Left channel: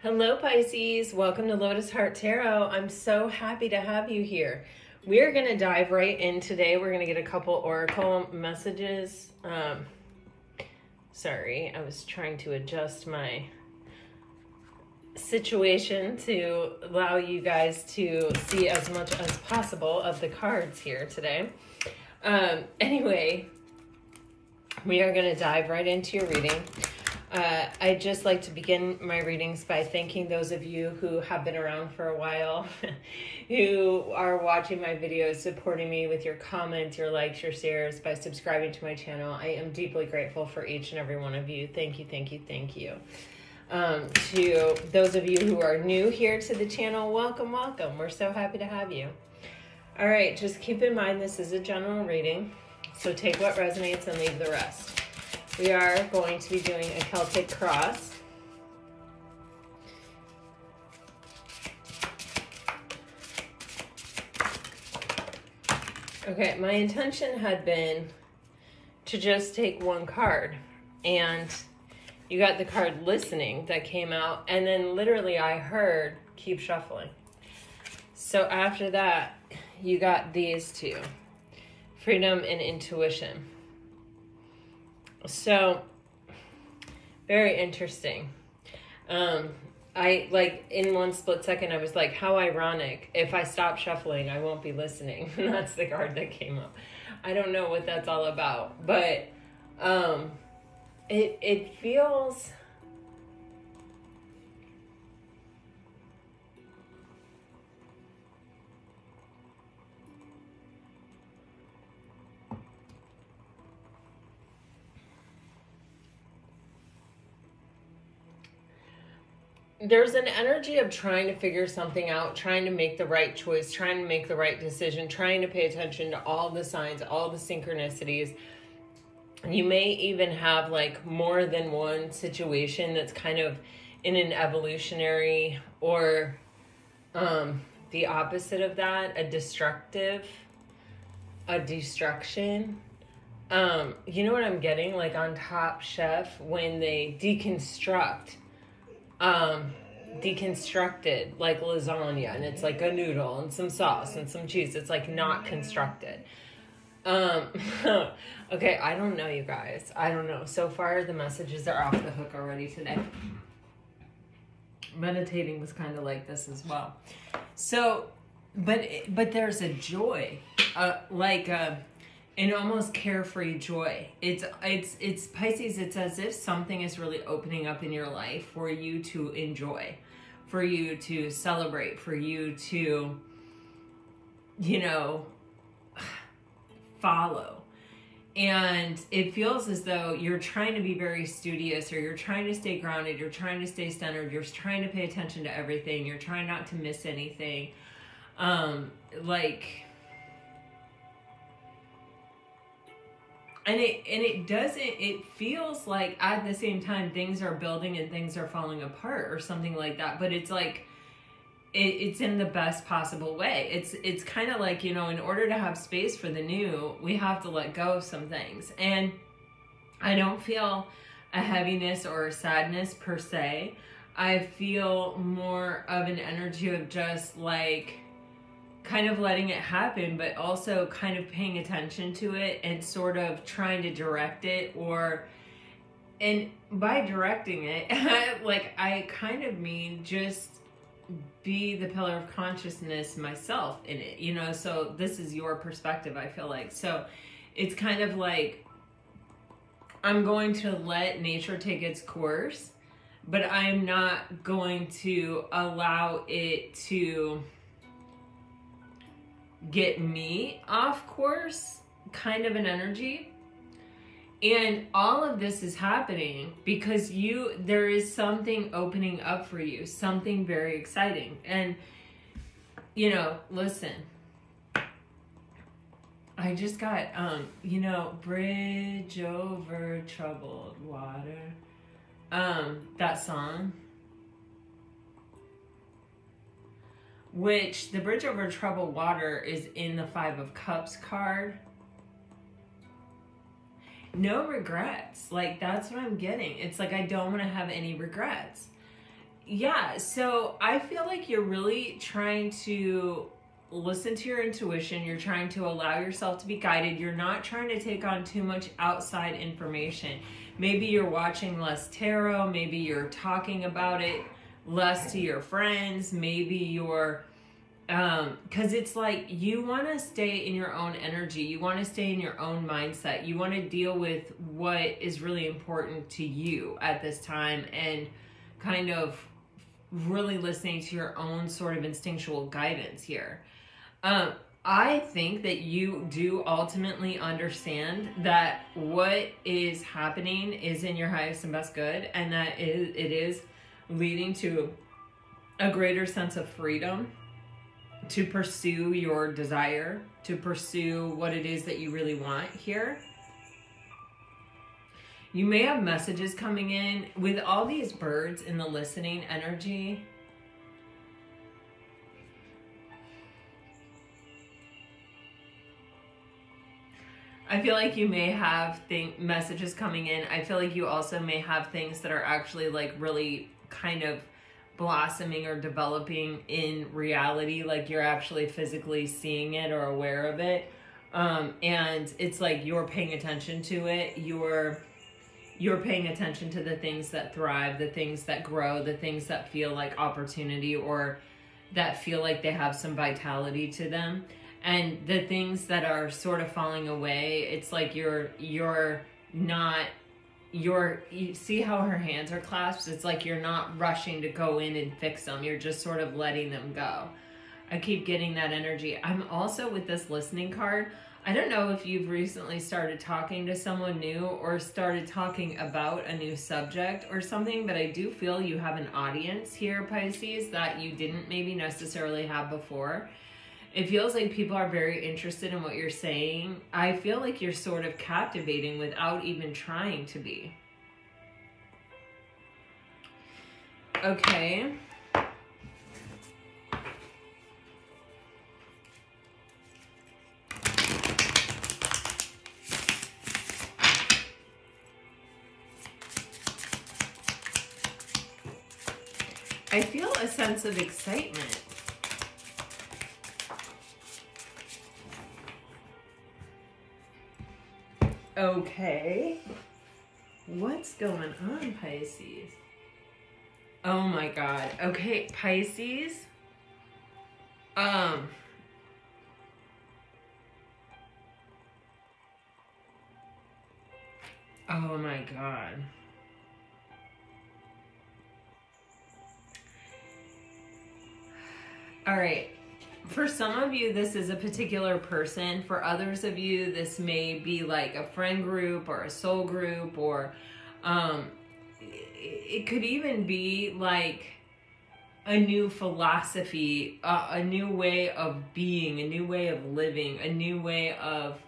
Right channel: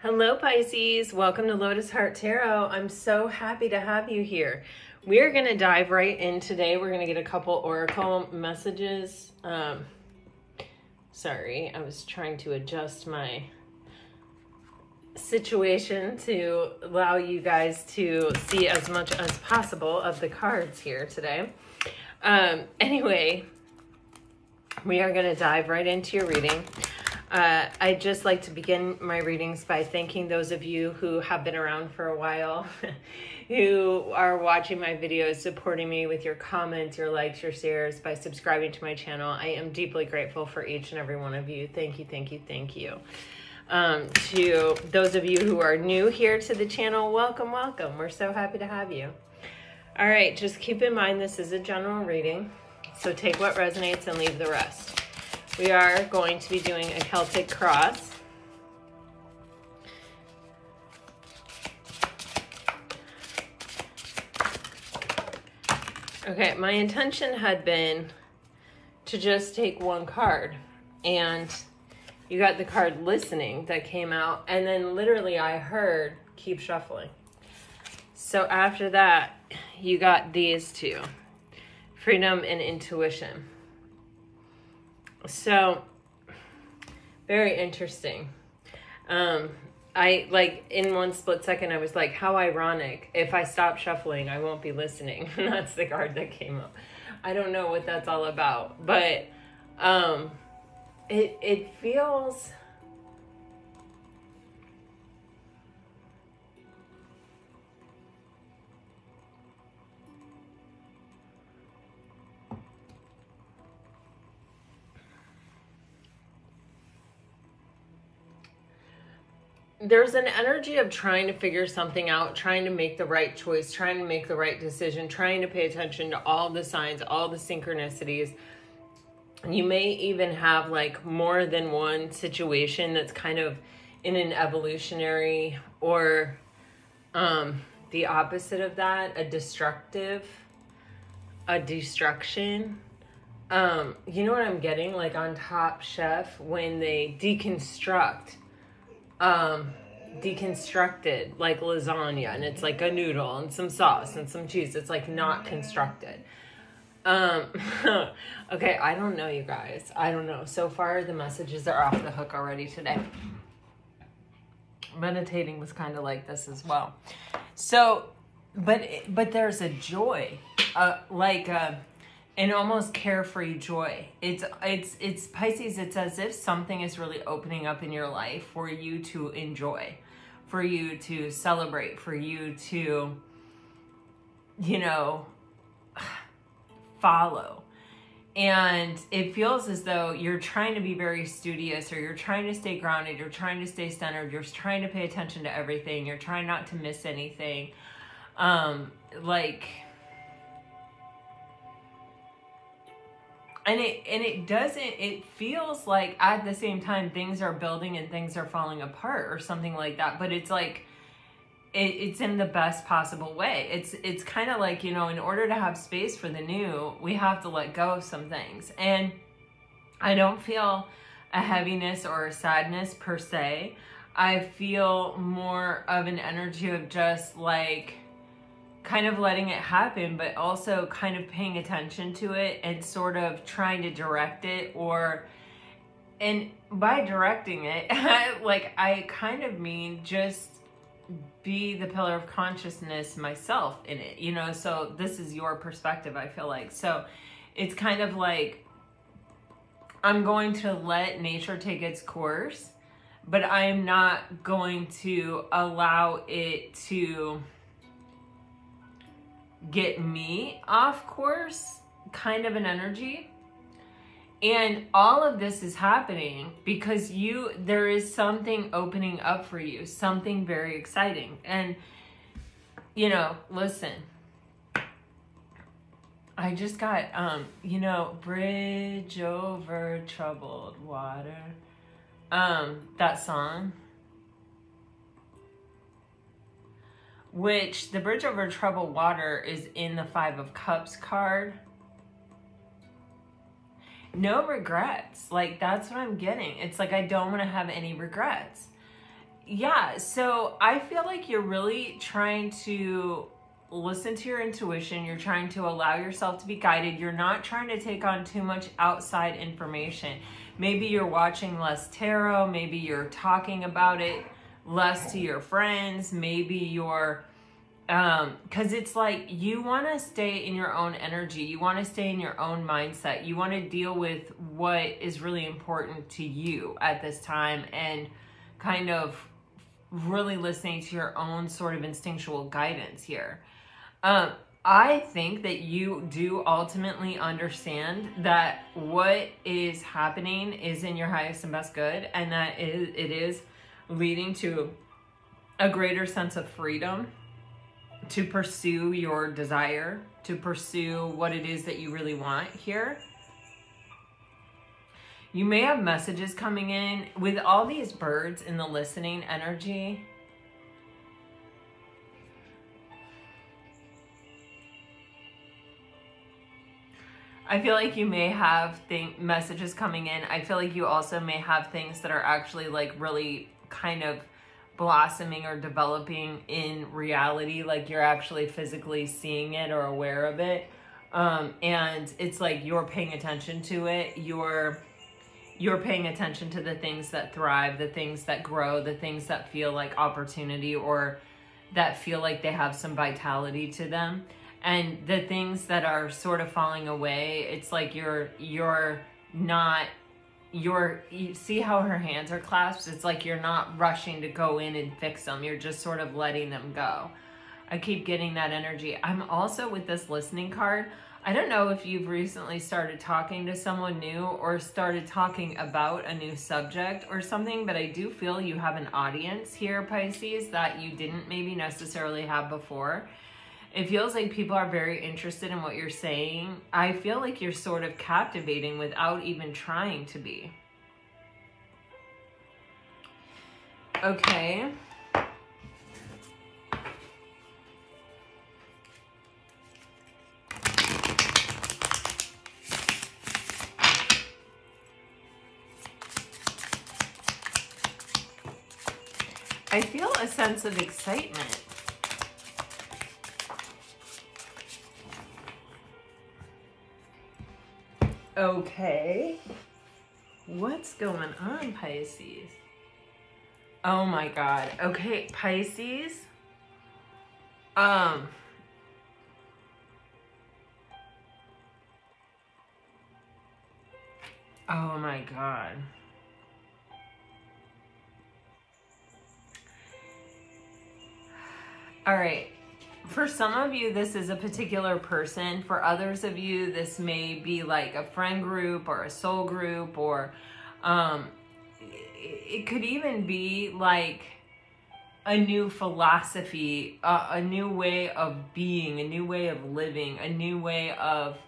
Hello Pisces, welcome to Lotus Heart Tarot. I'm so happy to have you here. We're going to dive right in today. We're going to get a couple oracle messages. Sorry, I was trying to adjust my situation to allow you guys to see as much as possible of the cards here today. Anyway, we are going to dive right into your reading. I'd just like to begin my readings by thanking those of you who have been around for a while, who are watching my videos, supporting me with your comments, your likes, your shares, by subscribing to my channel. I am deeply grateful for each and every one of you. Thank you, thank you, thank you. To those of you who are new here to the channel, welcome, welcome. We're so happy to have you. All right, just keep in mind this is a general reading, so take what resonates and leave the rest. We are going to be doing a Celtic Cross. Okay, my intention had been to just take one card, and you got the card listening that came out, and then literally I heard keep shuffling. So after that, you got these two, freedom and intuition. So, very interesting. I, like, in one split second, I was like, how ironic. If I stop shuffling, I won't be listening. And that's the card that came up. I don't know what that's all about. But, it feels... There's an energy of trying to figure something out, trying to make the right choice, trying to make the right decision, trying to pay attention to all the signs, all the synchronicities. And you may even have like more than one situation that's kind of in an evolutionary or the opposite of that, a destruction. You know what I'm getting? Like on Top Chef, when they deconstructed like lasagna, and it's like a noodle and some sauce and some cheese. It's like not constructed. Okay, I don't know, you guys. I don't know. So far, the messages are off the hook already today. Meditating was kind of like this as well. So, but there's a joy, an almost carefree joy. It's Pisces. It's as if something is really opening up in your life for you to enjoy, for you to celebrate, for you to, you know, follow. And it feels as though you're trying to be very studious, or you're trying to stay grounded, you're trying to stay centered, you're trying to pay attention to everything, you're trying not to miss anything. And it feels like at the same time things are building and things are falling apart or something like that. But it's like, it's in the best possible way. It's kind of like, you know, in order to have space for the new, we have to let go of some things. And I don't feel a heaviness or a sadness per se. I feel more of an energy of just like, kind of letting it happen, but also kind of paying attention to it and sort of trying to direct it, and by directing it, like I kind of mean just be the pillar of consciousness myself in it, you know, so this is your perspective, I feel like. So it's kind of like, I'm going to let nature take its course, but I'm not going to allow it to get me off course, kind of an energy. And all of this is happening because there is something opening up for you, something very exciting. And, you know, listen, I just got, you know, Bridge Over Troubled Water, that song. Which the Bridge Over Troubled Water is in the Five of Cups card. No regrets. Like, that's what I'm getting. It's like, I don't want to have any regrets. yeah, so I feel like you're really trying to listen to your intuition. You're trying to allow yourself to be guided. You're not trying to take on too much outside information. Maybe you're watching less tarot. Maybe you're talking about it less to your friends. Maybe you're, because it's like you want to stay in your own energy. You want to stay in your own mindset. You want to deal with what is really important to you at this time and kind of really listening to your own sort of instinctual guidance here. I think that you do ultimately understand that what is happening is in your highest and best good, and that it is leading to a greater sense of freedom to pursue your desire, to pursue what it is that you really want here. You may have messages coming in with all these birds in the listening energy. I feel like you may have messages coming in. I feel like you also may have things that are actually like really kind of blossoming or developing in reality. Like you're actually physically seeing it or aware of it. And it's like you're paying attention to it. You're paying attention to the things that thrive, the things that grow, the things that feel like opportunity or that feel like they have some vitality to them. And the things that are sort of falling away, it's like you see how her hands are clasped? It's like you're not rushing to go in and fix them. You're just sort of letting them go. I keep getting that energy. I'm also with this listening card. I don't know if you've recently started talking to someone new or started talking about a new subject or something, but I do feel you have an audience here, Pisces, that you didn't maybe necessarily have before. It feels like people are very interested in what you're saying. I feel like you're sort of captivating without even trying to be. Okay. I feel a sense of excitement. Okay. What's going on, Pisces? Oh my God. Okay, Pisces. Oh my God. All right. For some of you, this is a particular person. For others of you, this may be like a friend group or a soul group, or it could even be like a new philosophy, a new way of being, a new way of living, a new way of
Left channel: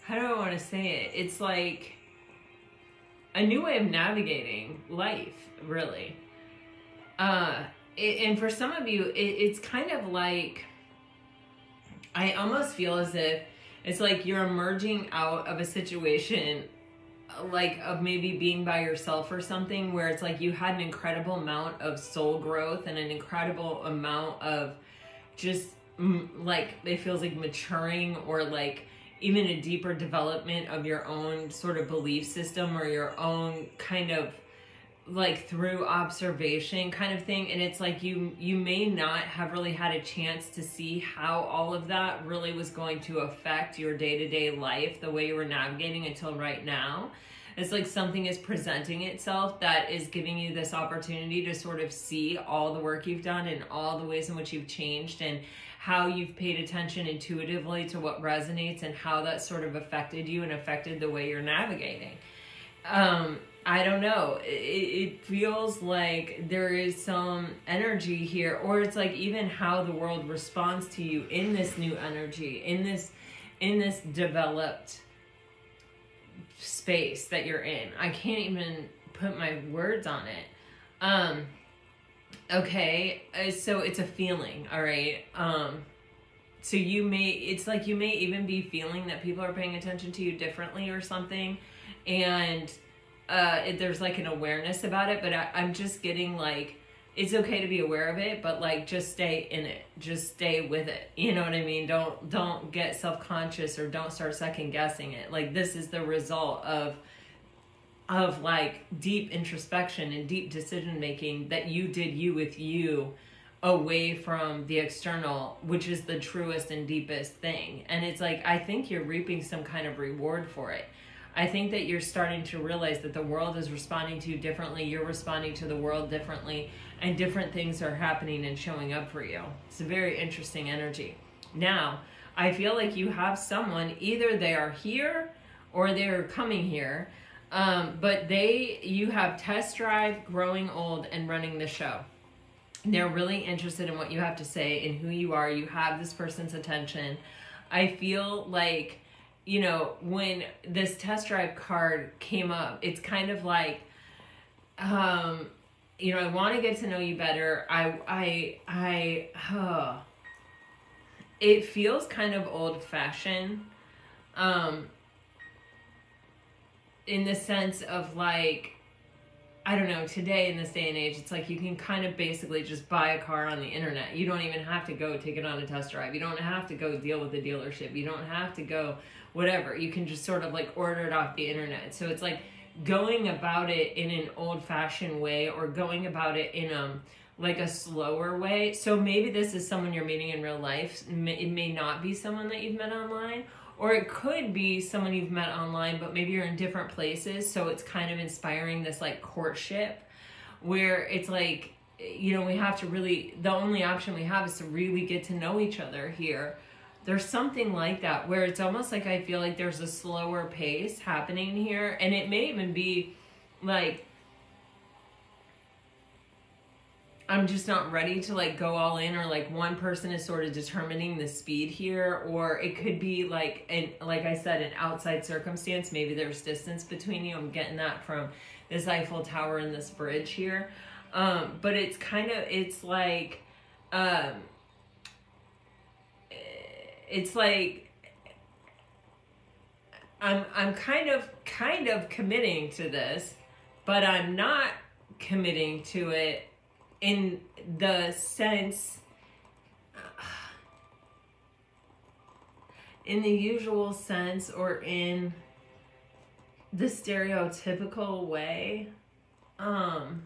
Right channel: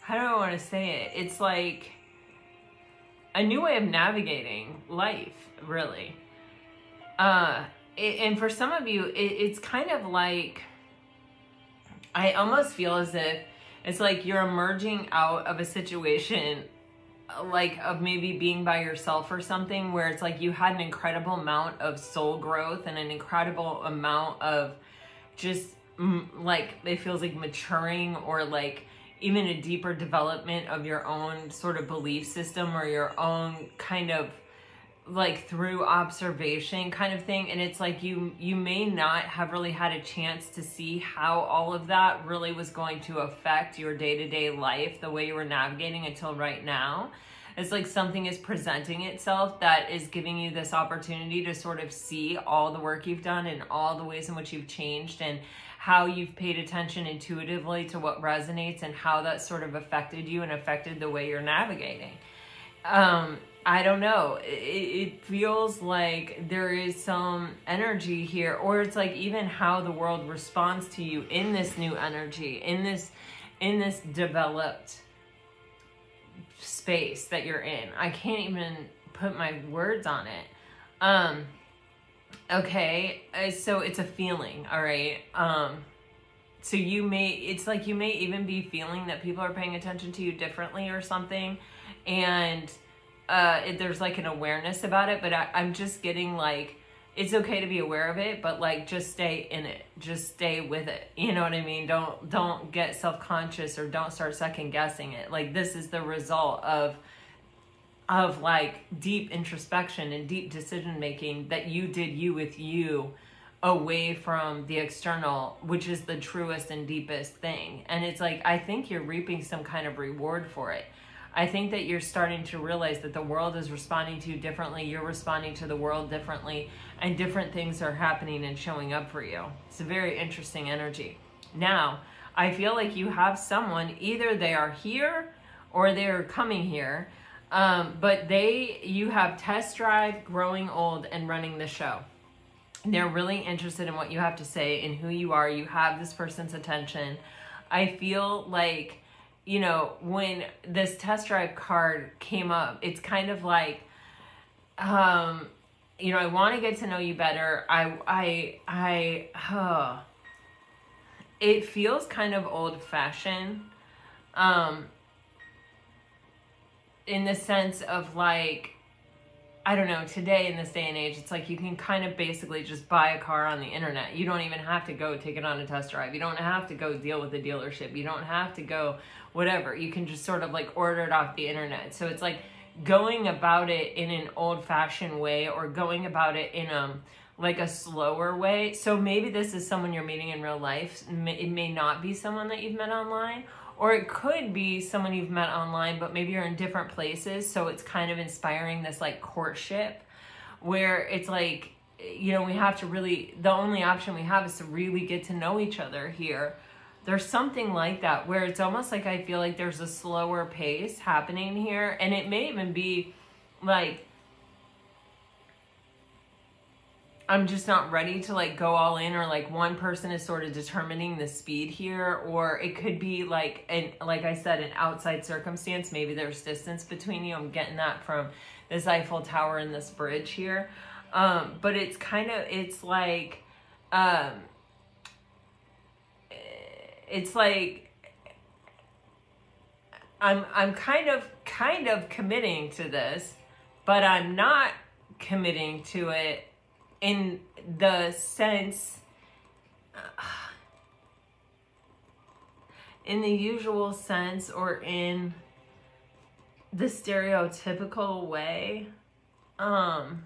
how do I want to say it? It's like a new way of navigating life, really. And for some of you, it's kind of like, I almost feel as if it's like you're emerging out of a situation like of maybe being by yourself or something, where it's like you had an incredible amount of soul growth and an incredible amount of just like, it feels like maturing, or like even a deeper development of your own sort of belief system, or your own kind of like through observation kind of thing. And it's like you may not have really had a chance to see how all of that really was going to affect your day-to-day life, the way you were navigating until right now. It's like something is presenting itself that is giving you this opportunity to sort of see all the work you've done and all the ways in which you've changed, and how you've paid attention intuitively to what resonates, and how that sort of affected you and affected the way you're navigating. I don't know. It feels like there is some energy here, or it's like even how the world responds to you in this new energy, in this developed space that you're in. I can't even put my words on it. Okay, so it's a feeling, all right? So you may, it's like you may even be feeling that people are paying attention to you differently or something. And there's like an awareness about it, but I'm just getting like, it's okay to be aware of it, but like just stay in it, just stay with it. You know what I mean? Don't get self-conscious or don't start second guessing it. Like this is the result of like deep introspection and deep decision making that you did you with you, away from the external, which is the truest and deepest thing. And it's like, I think you're reaping some kind of reward for it. I think that you're starting to realize that the world is responding to you differently. You're responding to the world differently, and different things are happening and showing up for you. It's a very interesting energy. Now, I feel like you have someone, either they are here or they're coming here, but you have test drive, growing old, and running the show. They're really interested in what you have to say and who you are. You have this person's attention. I feel like, you know, when this test drive card came up, it's kind of like, you know, I want to get to know you better. It feels kind of old-fashioned, in the sense of like, I don't know, today in this day and age, it's like you can kind of basically just buy a car on the internet. You don't even have to go take it on a test drive. You don't have to go deal with the dealership. You don't have to go whatever. You can just sort of like order it off the internet. So it's like going about it in an old-fashioned way, or going about it in like a slower way. So maybe this is someone you're meeting in real life. It may not be someone that you've met online, or it could be someone you've met online, but maybe you're in different places. So it's kind of inspiring this like courtship, where it's like, you know, we have to really, the only option we have is to really get to know each other here. There's something like that, where it's almost like I feel like there's a slower pace happening here. And it may even be like, I'm just not ready to like go all in, or like one person is sort of determining the speed here, or it could be like, and like I said, an outside circumstance. Maybe there's distance between you. I'm getting that from this Eiffel Tower and this bridge here. But it's kind of, it's like I'm kind of committing to this, but I'm not committing to it in the sense, in the usual sense, or in the stereotypical way. I'm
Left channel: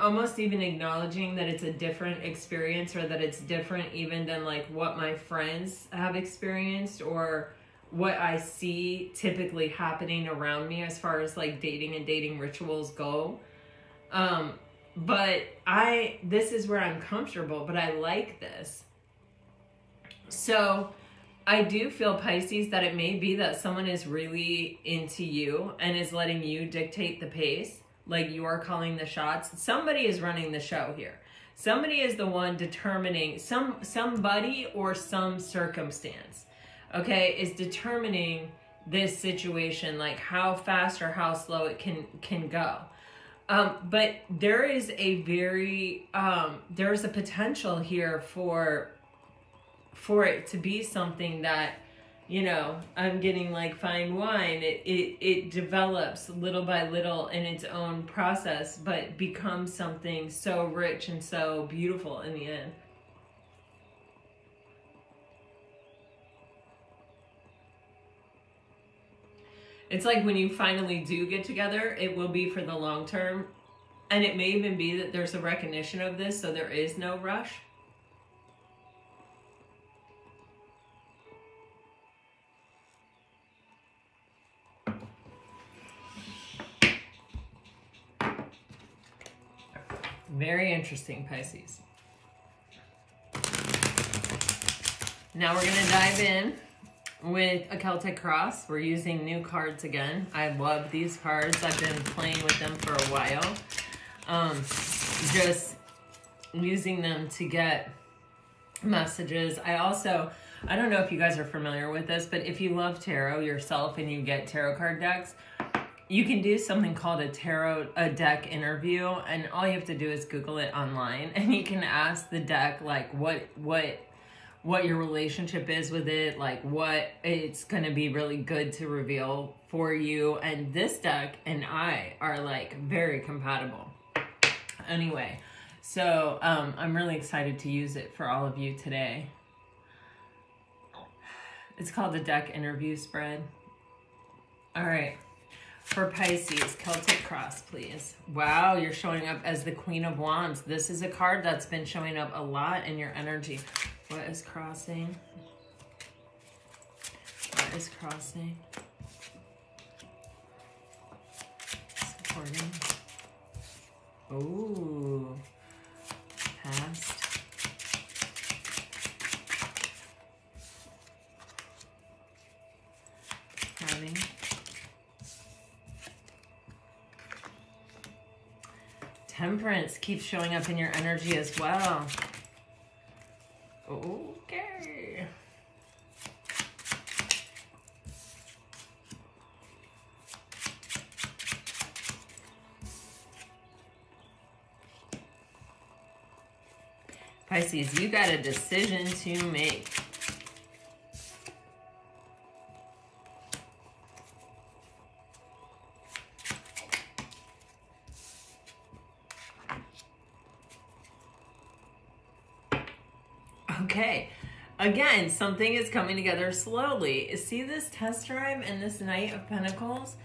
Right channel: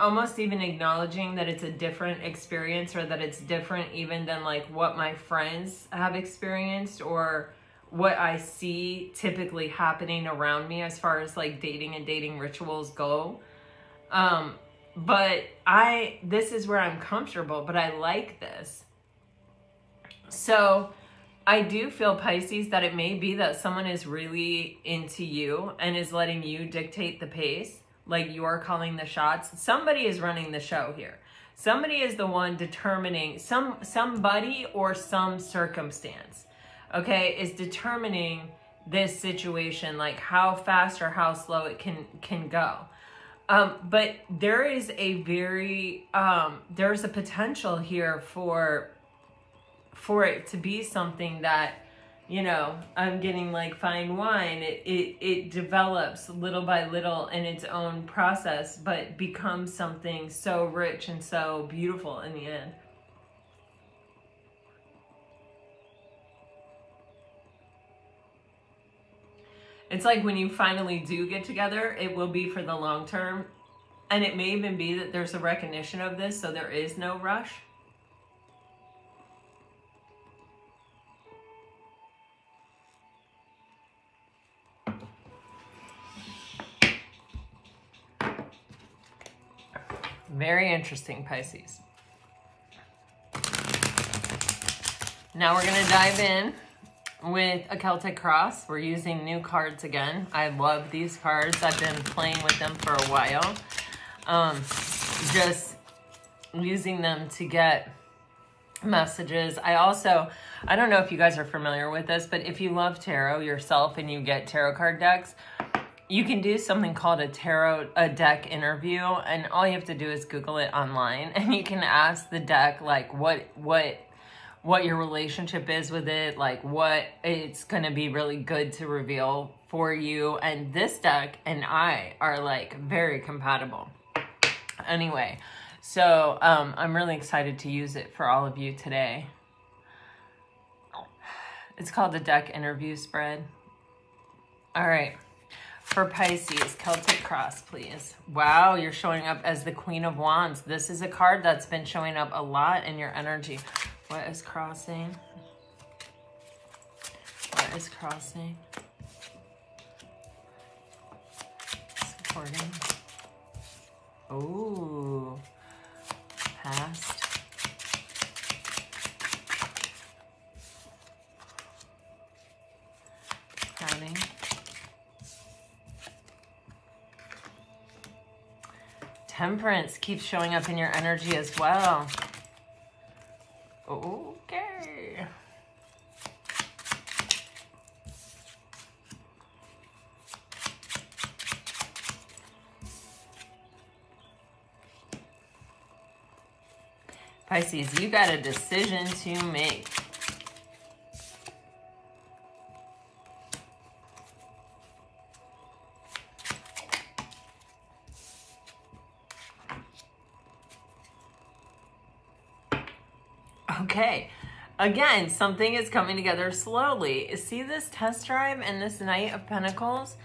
almost even acknowledging that it's a different experience, or that it's different even than like what my friends have experienced, or what I see typically happening around me as far as like dating and dating rituals go. But this is where I'm comfortable, but I like this. So I do feel, Pisces, that it may be that someone is really into you and is letting you dictate the pace. Like you're calling the shots. Somebody is running the show here. Somebody is the one determining, somebody or some circumstance, okay, is determining this situation, like how fast or how slow it can go. But there is a very, there's a potential here for it to be something that, you know, I'm getting like fine wine. It develops little by little in its own process, but becomes something so rich and so beautiful in the end. It's like when you finally do get together, it will be for the long term. And it may even be that there's a recognition of this, so there is no rush. Very interesting, Pisces. Now we're going to dive in with a Celtic Cross. We're using new cards again. I love these cards. I've been playing with them for a while. Just using them to get messages. I don't know if you guys are familiar with this, but if you love tarot yourself and you get tarot card decks, you can do something called a deck interview, and all you have to do is Google it online, and you can ask the deck like what your relationship is with it, like what it's going to be really good to reveal for you. And this deck and I are like very compatible. Anyway, so I'm really excited to use it for all of you today. It's called the deck interview spread. All right. For Pisces, Celtic Cross, please. Wow, you're showing up as the Queen of Wands. This is a card that's been showing up a lot in your energy. What is crossing? What is crossing? Supporting. Ooh. Past. Crowning. Temperance keeps showing up in your energy as well. Okay. Pisces, you got a decision to make. Okay, again, something is coming together slowly. See this test drive and this Knight of Pentacles?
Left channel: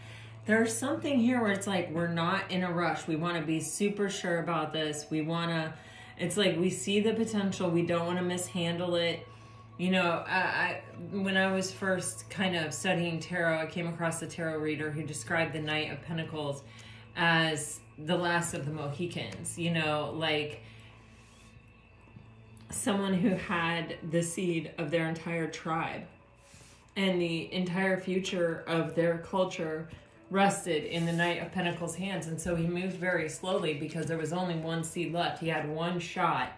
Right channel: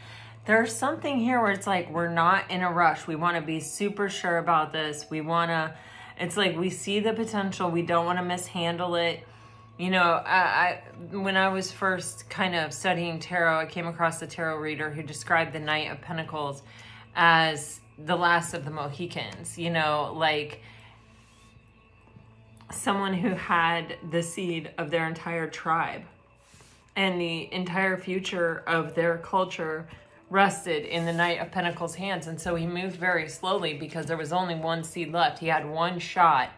There's something here where it's like we're not in a rush. We want to be super sure about this. We want to, it's like we see the potential. We don't want to mishandle it. You know, when I was first kind of studying tarot, I came across a tarot reader who described the Knight of Pentacles as the last of the Mohicans. You know, like someone who had the seed of their entire tribe, and the entire future of their culture rested in the Knight of Pentacles' hands. And so he moved very slowly because there was only one seed left. He had one shot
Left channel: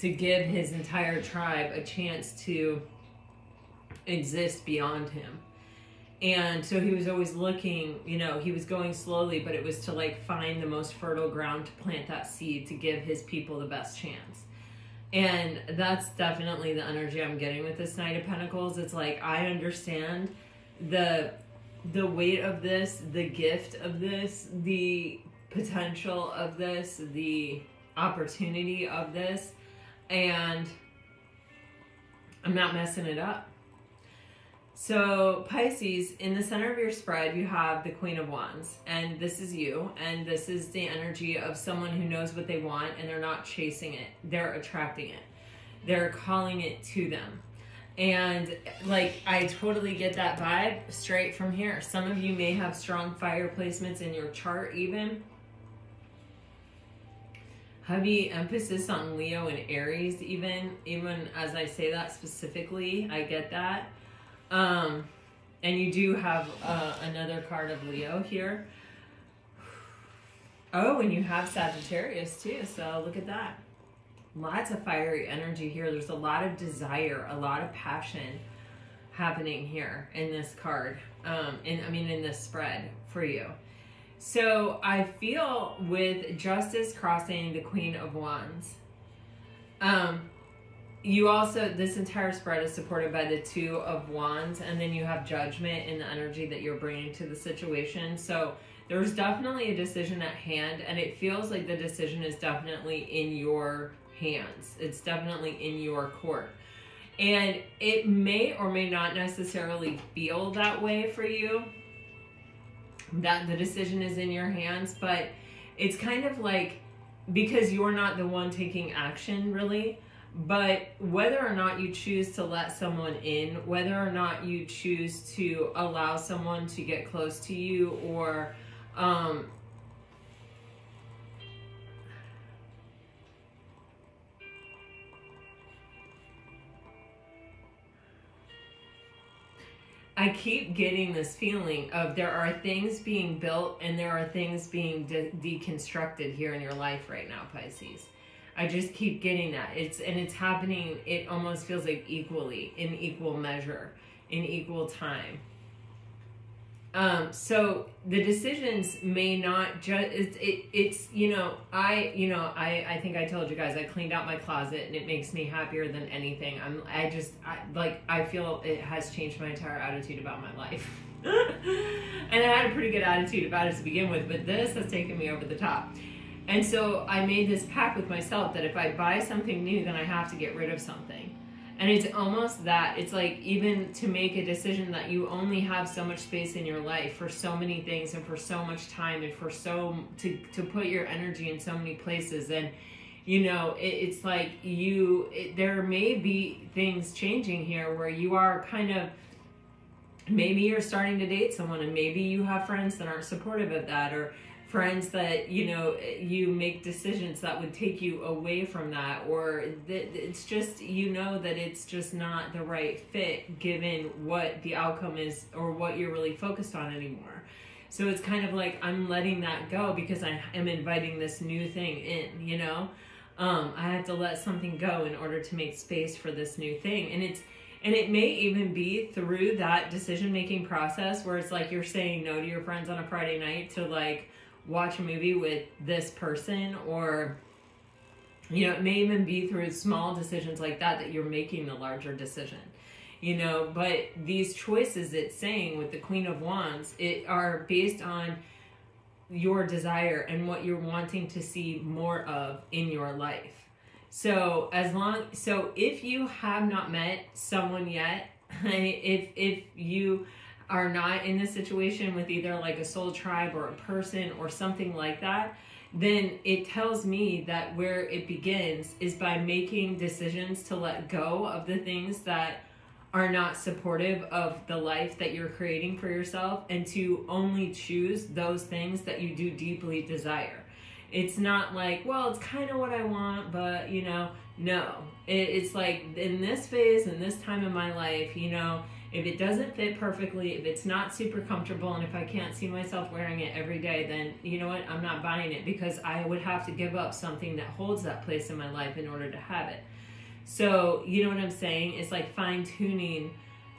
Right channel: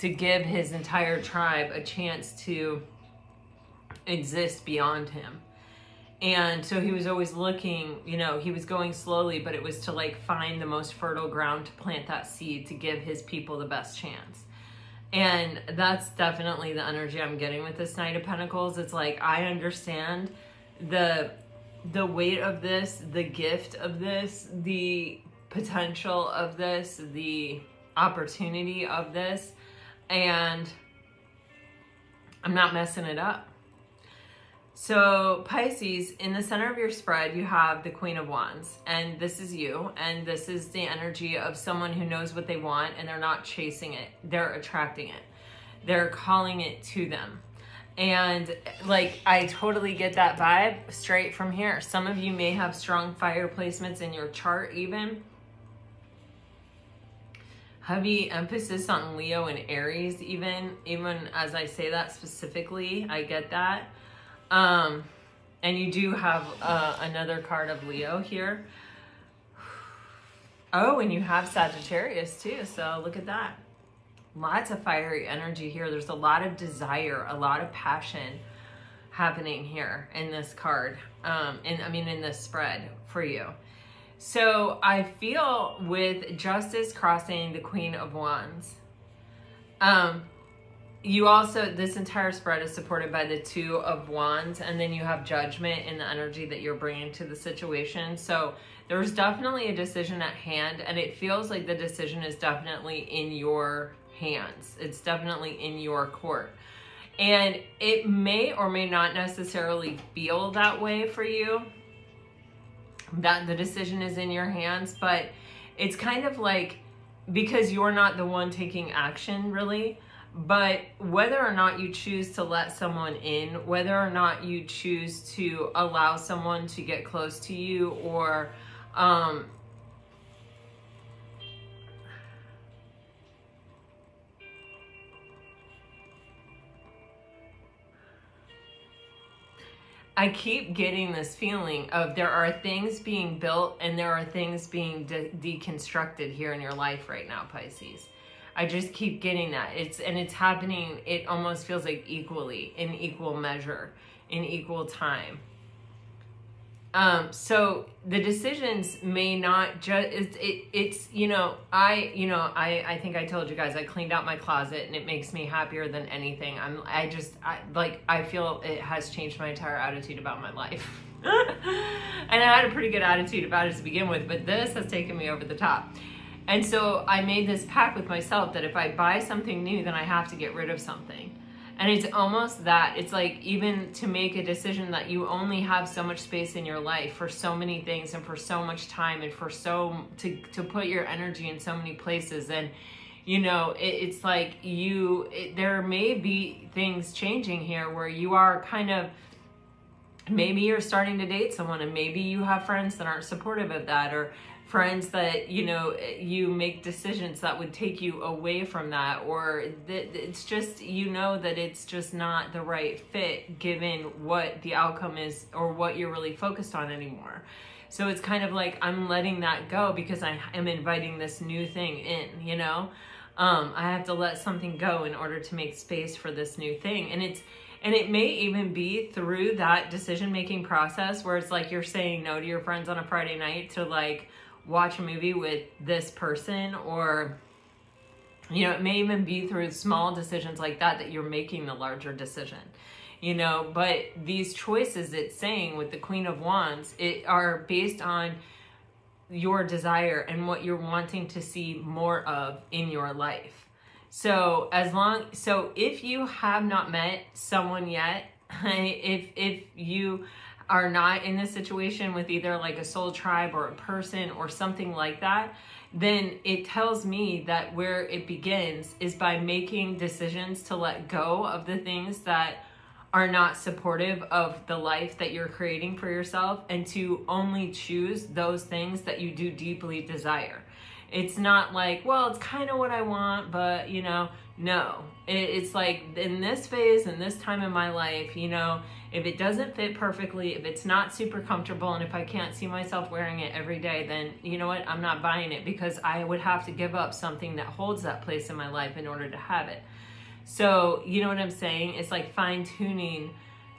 to give his entire tribe a chance to exist beyond him. And so he was always looking, you know, he was going slowly, but it was to like find the most fertile ground to plant that seed to give his people the best chance. And that's definitely the energy I'm getting with this Knight of Pentacles. It's like, I understand the weight of this, the gift of this, the potential of this, the opportunity of this, and I'm not messing it up. So Pisces, in the center of your spread, you have the Queen of Wands, and this is you, and this is the energy of someone who knows what they want, and they're not chasing it. They're attracting it. They're calling it to them. And like, I totally get that vibe straight from here. Some of you may have strong fire placements in your chart even. Heavy emphasis on Leo and Aries even as I say that specifically, I get that. And you do have another card of Leo here. Oh, and you have Sagittarius too, so look at that. Lots of fiery energy here. There's a lot of desire, a lot of passion happening here in this card. In this spread for you. So I feel with Justice crossing the Queen of Wands, you also, this entire spread is supported by the Two of Wands, and then you have Judgment in the energy that you're bringing to the situation. So there's definitely a decision at hand, and it feels like the decision is definitely in your hands. It's definitely in your court. And it may or may not necessarily feel that way for you, that the decision is in your hands, but it's kind of like, because you're not the one taking action really, but whether or not you choose to let someone in, whether or not you choose to allow someone to get close to you, or I keep getting this feeling of there are things being built and there are things being deconstructed here in your life right now, Pisces. I just keep getting that. It's happening, it almost feels like equally, in equal measure, in equal time. So the decisions may not just, it's, you know, I think I told you guys, I cleaned out my closet and it makes me happier than anything. I feel it has changed my entire attitude about my life. And I had a pretty good attitude about it to begin with, but this has taken me over the top. And so I made this pact with myself that if I buy something new, then I have to get rid of something. And it's almost that, it's like even to make a decision that you only have so much space in your life for so many things and for so much time and for to put your energy in so many places. And, you know, it's like there may be things changing here where you are kind of, maybe you're starting to date someone and maybe you have friends that aren't supportive of that, or friends that, you know, you make decisions that would take you away from that, or it's just, you know, that it's just not the right fit given what the outcome is or what you're really focused on anymore. So it's kind of like I'm letting that go because I am inviting this new thing in, you know. I have to let something go in order to make space for this new thing. And it may even be through that decision-making process where it's like you're saying no to your friends on a Friday night to like watch a movie with this person, or, you know, it may even be through small decisions like that you're making the larger decision, you know. But these choices, it's saying with the Queen of Wands, are based on your desire and what you're wanting to see more of in your life. So if you have not met someone yet, if you are not in this situation with either like a soul tribe or a person or something like that, then it tells me that where it begins is by making decisions to let go of the things that are not supportive of the life that you're creating for yourself, and to only choose those things that you do deeply desire. It's not like, well, it's kind of what I want, but, you know, no. It's like in this phase, in this time in my life, you know, if it doesn't fit perfectly, if it's not super comfortable, and if I can't see myself wearing it every day, then you know what? I'm not buying it, because I would have to give up something that holds that place in my life in order to have it. So, you know what I'm saying? It's like fine-tuning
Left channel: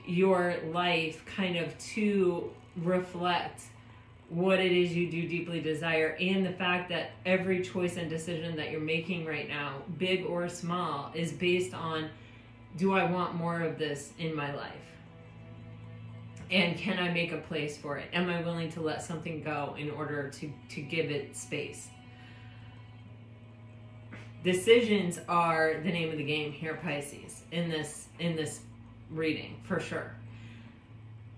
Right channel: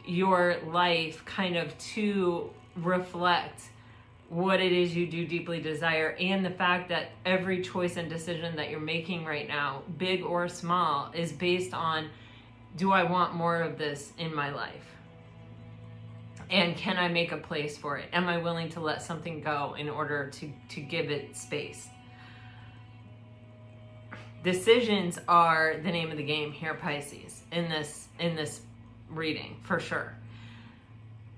your life kind of to reflect what it is you do deeply desire, and the fact that every choice and decision that you're making right now, big or small, is based on, do I want more of this in my life? And can I make a place for it? Am I willing to let something go in order to give it space? Decisions are the name of the game here, Pisces, in this reading, for sure.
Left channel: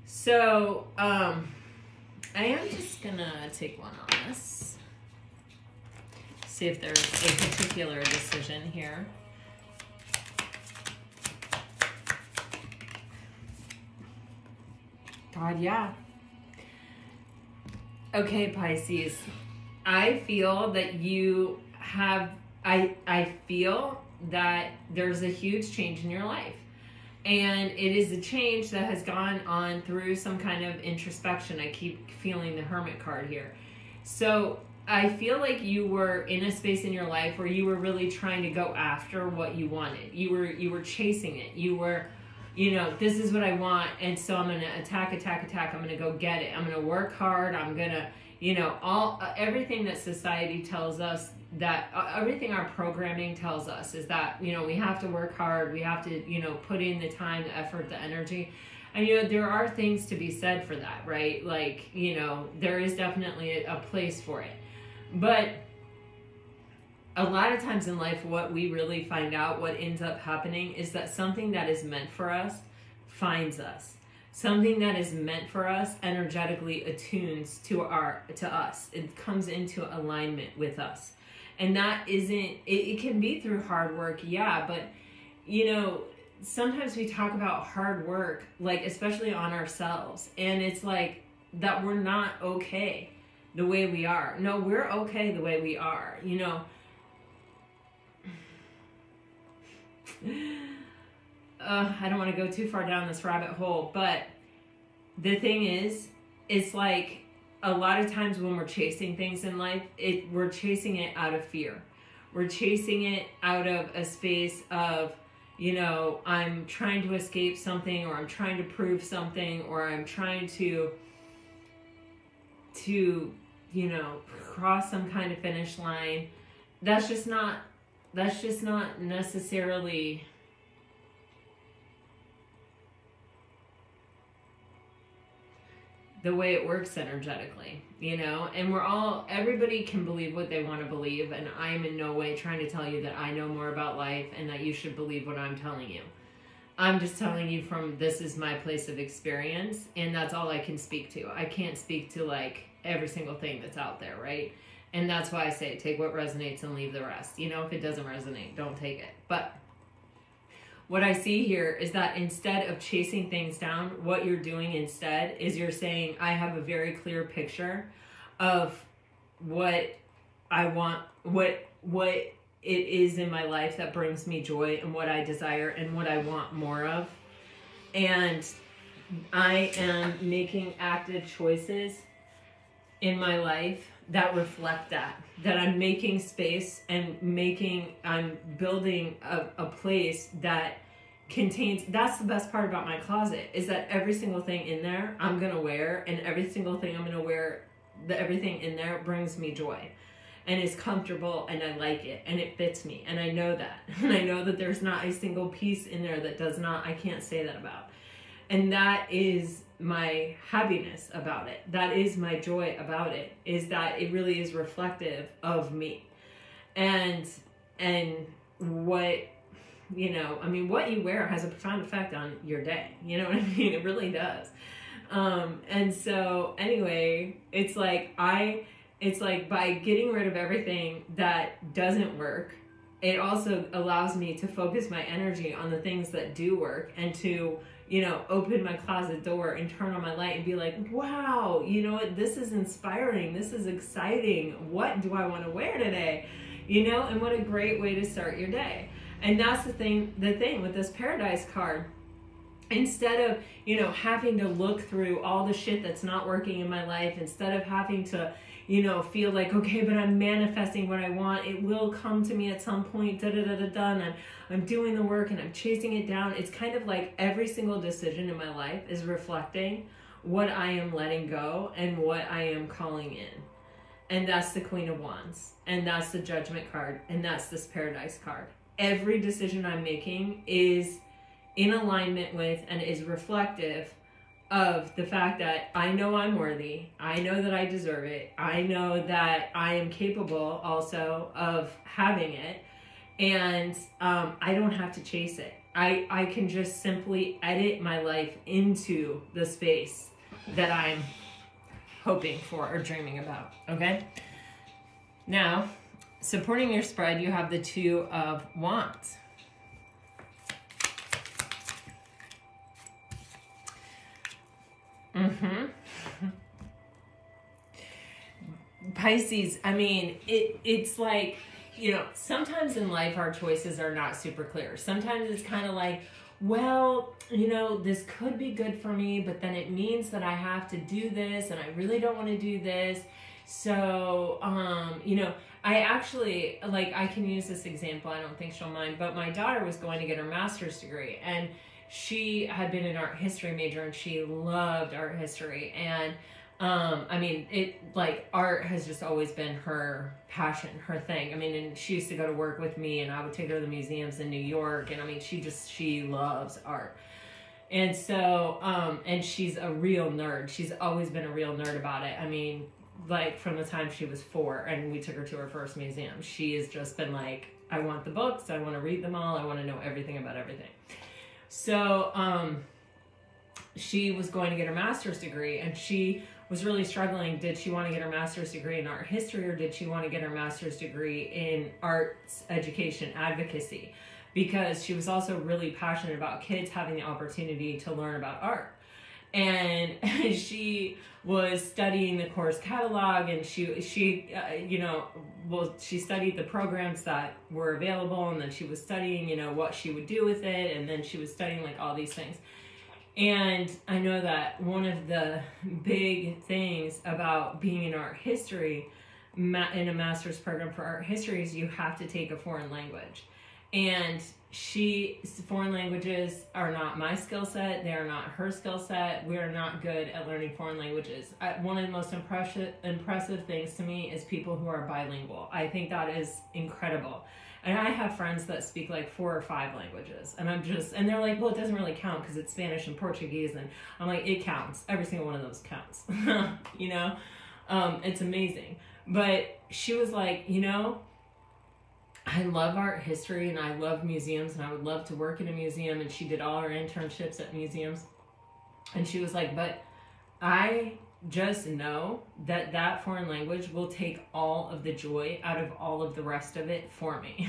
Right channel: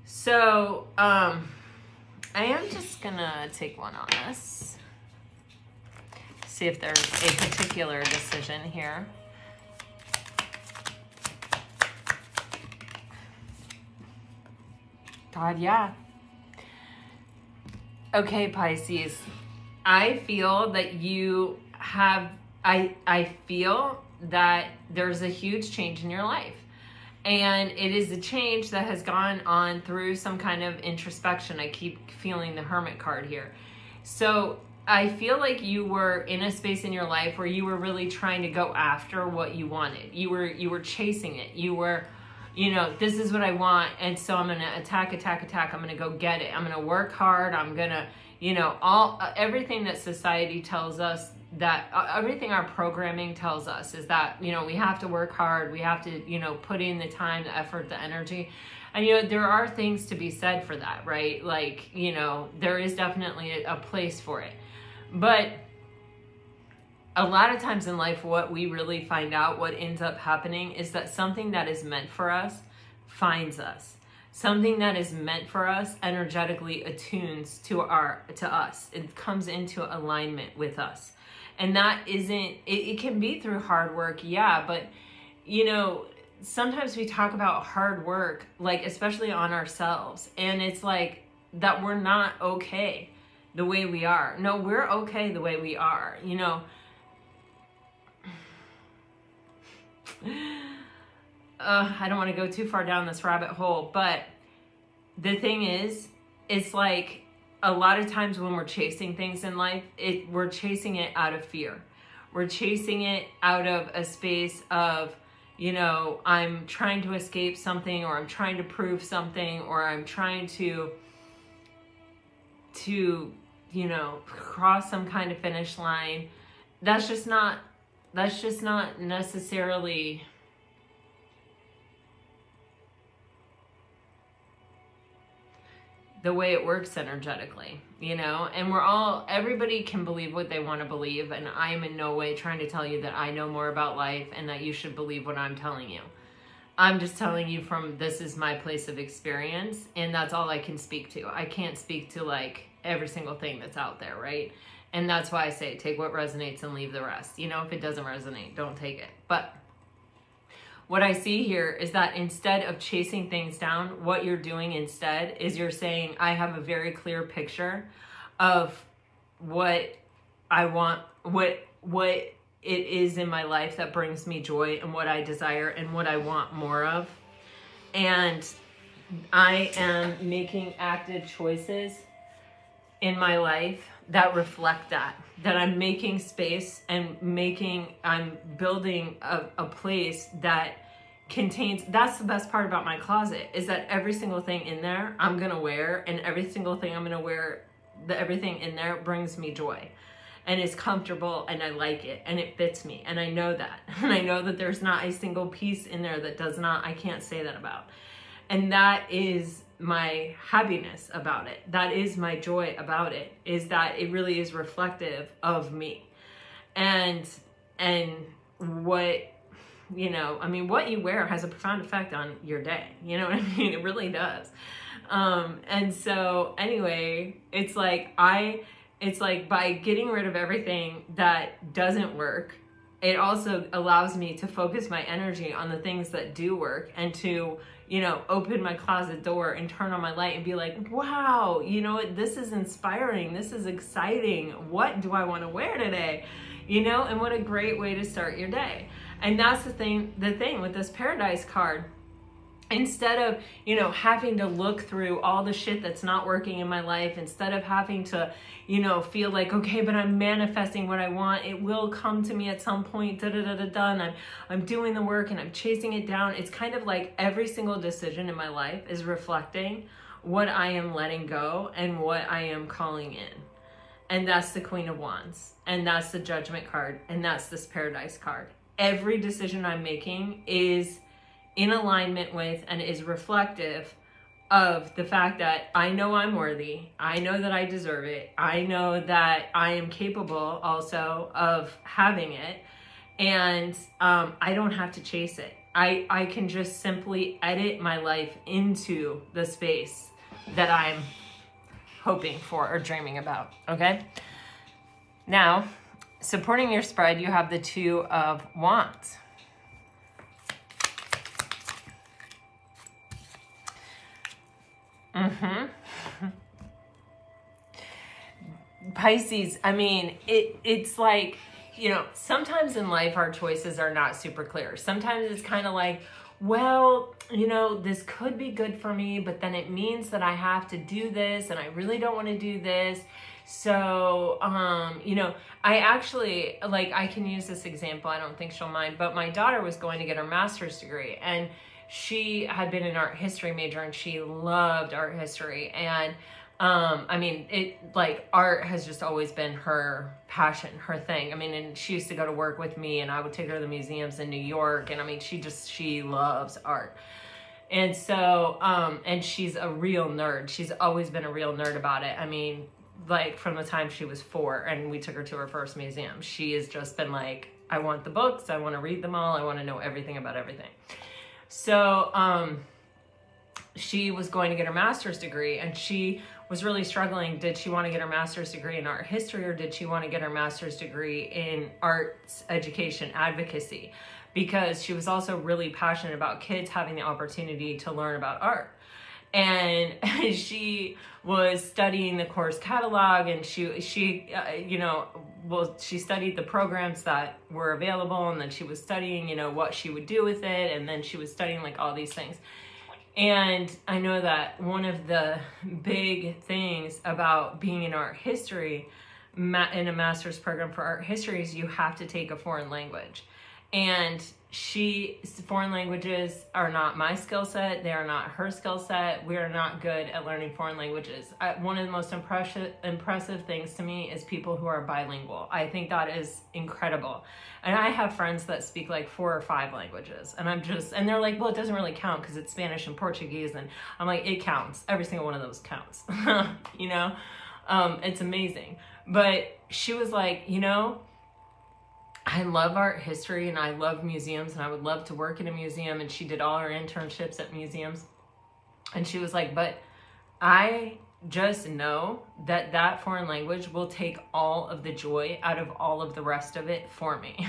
So, I am just gonna take one on this. See if there's a particular decision here. God, yeah. Okay, Pisces. I feel that you have, I feel that there's a huge change in your life. And it is a change that has gone on through some kind of introspection. I keep feeling the Hermit card here. So I feel like you were in a space in your life where you were really trying to go after what you wanted. You were chasing it. You were, you know, this is what I want, and so I'm going to attack. I'm going to go get it. I'm going to work hard. I'm going to, you know, everything that society tells us, that everything our programming tells us is that, you know, we have to work hard. We have to, you know, put in the time, the effort, the energy. And, you know, there are things to be said for that, right? Like, you know, there is definitely a place for it. But a lot of times in life, what we really find out, what ends up happening, is that something that is meant for us finds us. Something that is meant for us energetically attunes to us. It comes into alignment with us. And that isn't, it can be through hard work, yeah, but, you know, sometimes we talk about hard work, like, especially on ourselves, and it's like that we're not okay the way we are. No, we're okay the way we are, you know. I don't want to go too far down this rabbit hole, but the thing is, it's like a lot of times when we're chasing things in life, we're chasing it out of fear. We're chasing it out of a space of, you know, I'm trying to escape something, or I'm trying to prove something, or I'm trying to, to, you know, cross some kind of finish line. That's just not necessarily the way it works energetically, you know. And everybody can believe what they want to believe, and I am in no way trying to tell you that I know more about life and that you should believe what I'm telling you. I'm just telling you from, this is my place of experience, and that's all I can speak to. I can't speak to like every single thing that's out there, right? And that's why I say take what resonates and leave the rest. You know, if it doesn't resonate, don't take it. But what I see here is that instead of chasing things down, what you're doing instead is you're saying, I have a very clear picture of what I want, what it is in my life that brings me joy and what I desire and what I want more of. And I am making active choices in my life that reflect that I'm making space and I'm building a place that contains, that's the best part about my closet, is that every single thing in there I'm gonna wear, and every single thing I'm gonna wear, everything in there brings me joy and is comfortable, and I like it and it fits me, and I know that. And I know that there's not a single piece in there that does not, I can't say that about. And that is my happiness about it. That is my joy about it, is that it really is reflective of me. And what, you know, I mean, what you wear has a profound effect on your day. You know what I mean? It really does. And so anyway, it's like by getting rid of everything that doesn't work, it also allows me to focus my energy on the things that do work, and to, you know, open my closet door and turn on my light and be like, wow, you know what, this is inspiring, this is exciting, what do I want to wear today? You know, and what a great way to start your day. And that's the thing with this Paradise card. Instead of, you know, having to look through all the shit that's not working in my life, instead of having to, you know, feel like, okay, but I'm manifesting what I want, it will come to me at some point, and I'm doing the work and I'm chasing it down. It's kind of like every single decision in my life is reflecting what I am letting go and what I am calling in. And that's the Queen of Wands, and that's the Judgment card, and that's this Paradise card. Every decision I'm making is in alignment with and is reflective of the fact that I know I'm worthy, I know that I deserve it, I know that I am capable also of having it, and I don't have to chase it. I can just simply edit my life into the space that I'm hoping for or dreaming about, okay? Now, supporting your spread, you have the Two of Wands. Pisces, I mean, it's like, you know, sometimes in life our choices are not super clear. Sometimes it's kind of like, well, you know, this could be good for me, but then it means that I have to do this, and I really don't want to do this. So, you know, I actually, like, I can use this example, I don't think she'll mind, but my daughter was going to get her master's degree, and she had been an art history major, and she loved art history. And I mean, art has just always been her passion, her thing. I mean, and she used to go to work with me, and I would take her to the museums in New York. And I mean, she loves art. And so, and she's a real nerd. She's always been a real nerd about it. I mean, like from the time she was 4 and we took her to her first museum, she has just been like, I want the books. I want to read them all. I want to know everything about everything. So, she was going to get her master's degree, and she was really struggling. Did she want to get her master's degree in art history, or did she want to get her master's degree in arts education advocacy? Because she was also really passionate about kids having the opportunity to learn about art. And she was studying the course catalog, and she you know, well, she studied the programs that were available, and then she was studying, you know, what she would do with it, and then she was studying like all these things. And I know that one of the big things about being in art history, in a master's program for art history, is you have to take a foreign language. And foreign languages are not my skill set. They are not her skill set. We are not good at learning foreign languages. One of the most impressive things to me is people who are bilingual. I think that is incredible. And I have friends that speak like 4 or 5 languages, and and they're like, well, it doesn't really count because it's Spanish and Portuguese. And I'm like, it counts. Every single one of those counts, you know? It's amazing. But she was like, you know, I love art history and I love museums and I would love to work in a museum. And she did all her internships at museums. And she was like, but I just know that that foreign language will take all of the joy out of all of the rest of it for me.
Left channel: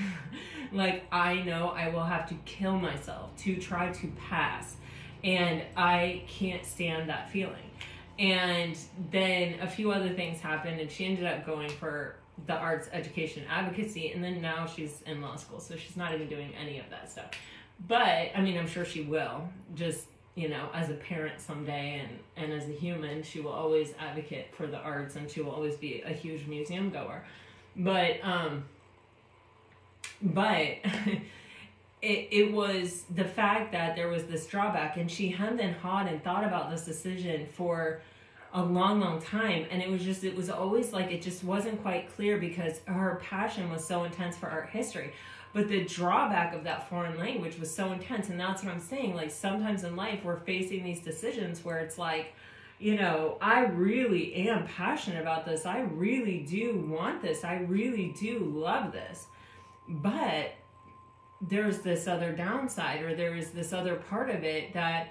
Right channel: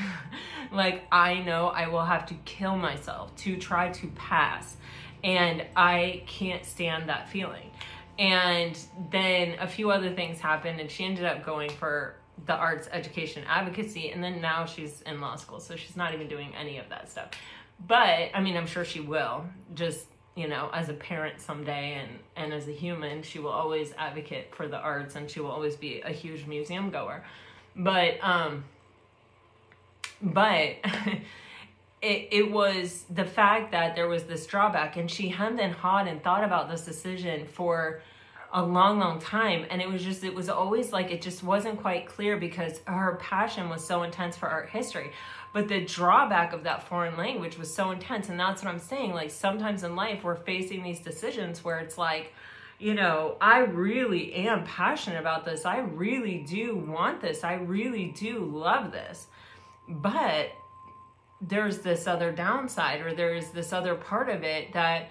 Like, I know I will have to kill myself to try to pass, and I can't stand that feeling. And then a few other things happened, and she ended up going for the arts education advocacy, and then now she's in law school, so she's not even doing any of that stuff. But I mean, I'm sure she will, just, you know, as a parent someday, and as a human, she will always advocate for the arts, and she will always be a huge museum goer. But it was the fact that there was this drawback, and she hemmed and hawed and thought about this decision for a long time, and it was always like, it just wasn't quite clear because her passion was so intense for art history, but the drawback of that foreign language was so intense. And that's what I'm saying, like, sometimes in life we're facing these decisions where it's like, you know, I really am passionate about this, I really do want this, I really do love this, but there's this other downside, or there's this other part of it that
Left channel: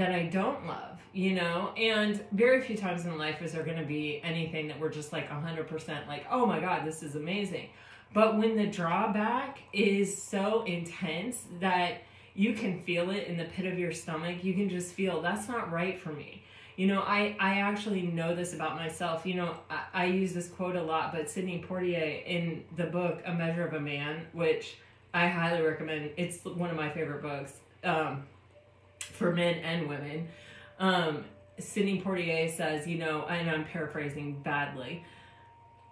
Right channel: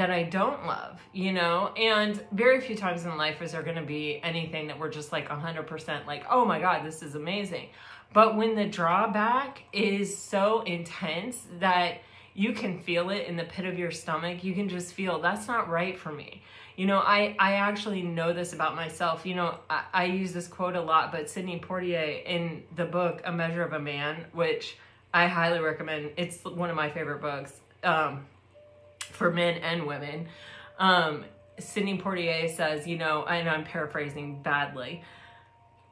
I don't love, you know? And very few times in life is there going to be anything that we're just like 100% like, oh my God, this is amazing. But when the drawback is so intense that you can feel it in the pit of your stomach, you can just feel, that's not right for me. You know, I actually know this about myself. You know, I use this quote a lot, but Sidney Poitier in the book, A Measure of a Man, which I highly recommend. It's one of my favorite books. For men and women. Sidney Poitier says, you know, and I'm paraphrasing badly,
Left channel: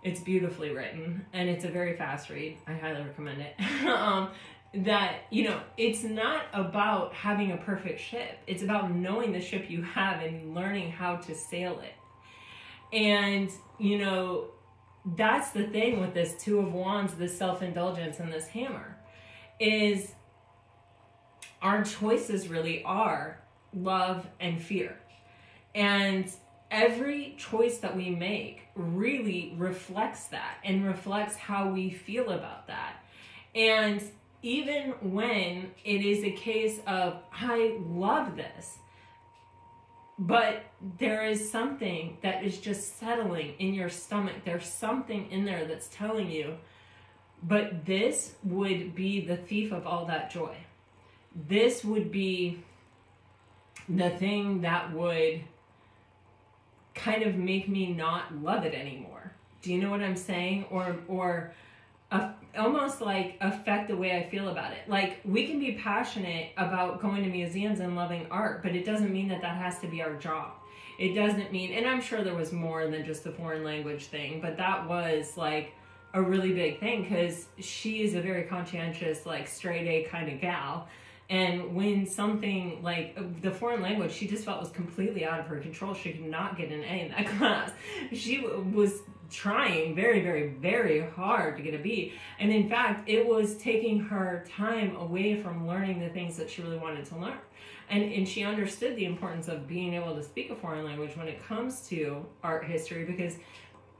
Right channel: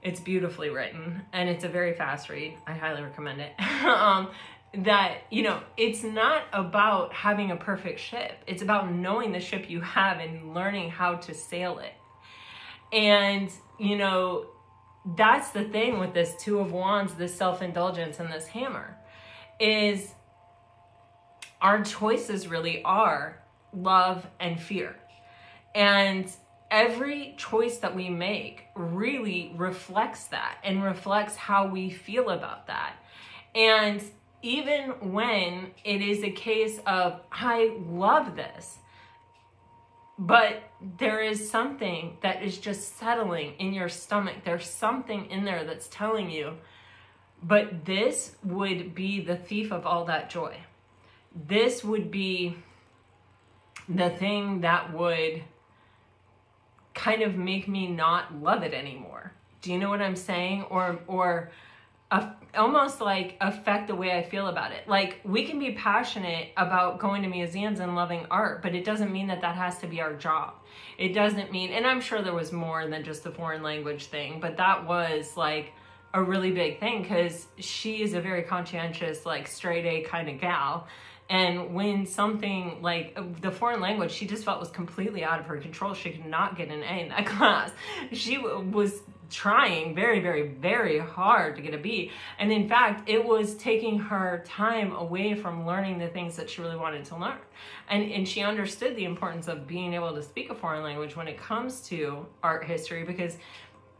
it's beautifully written and it's a very fast read, I highly recommend it, that, you know, it's not about having a perfect ship, it's about knowing the ship you have and learning how to sail it. And, you know, that's the thing with this Two of Wands, this self-indulgence, and this hammer, is our choices really are love and fear. And every choice that we make really reflects that and reflects how we feel about that. And even when it is a case of, I love this, but there is something that is just settling in your stomach, there's something in there that's telling you, but this would be the thief of all that joy. This would be the thing that would kind of make me not love it anymore. Do you know what I'm saying? Or almost like affect the way I feel about it. Like, we can be passionate about going to museums and loving art, but it doesn't mean that that has to be our job. It doesn't mean, and I'm sure there was more than just the foreign language thing, but that was like a really big thing because she is a very conscientious, like straight A kind of gal. And when something like the foreign language, she just felt was completely out of her control. She could not get an A in that class. She was trying very, very, very hard to get a B. And in fact, it was taking her time away from learning the things that she really wanted to learn. And she understood the importance of being able to speak a foreign language when it comes to art history, because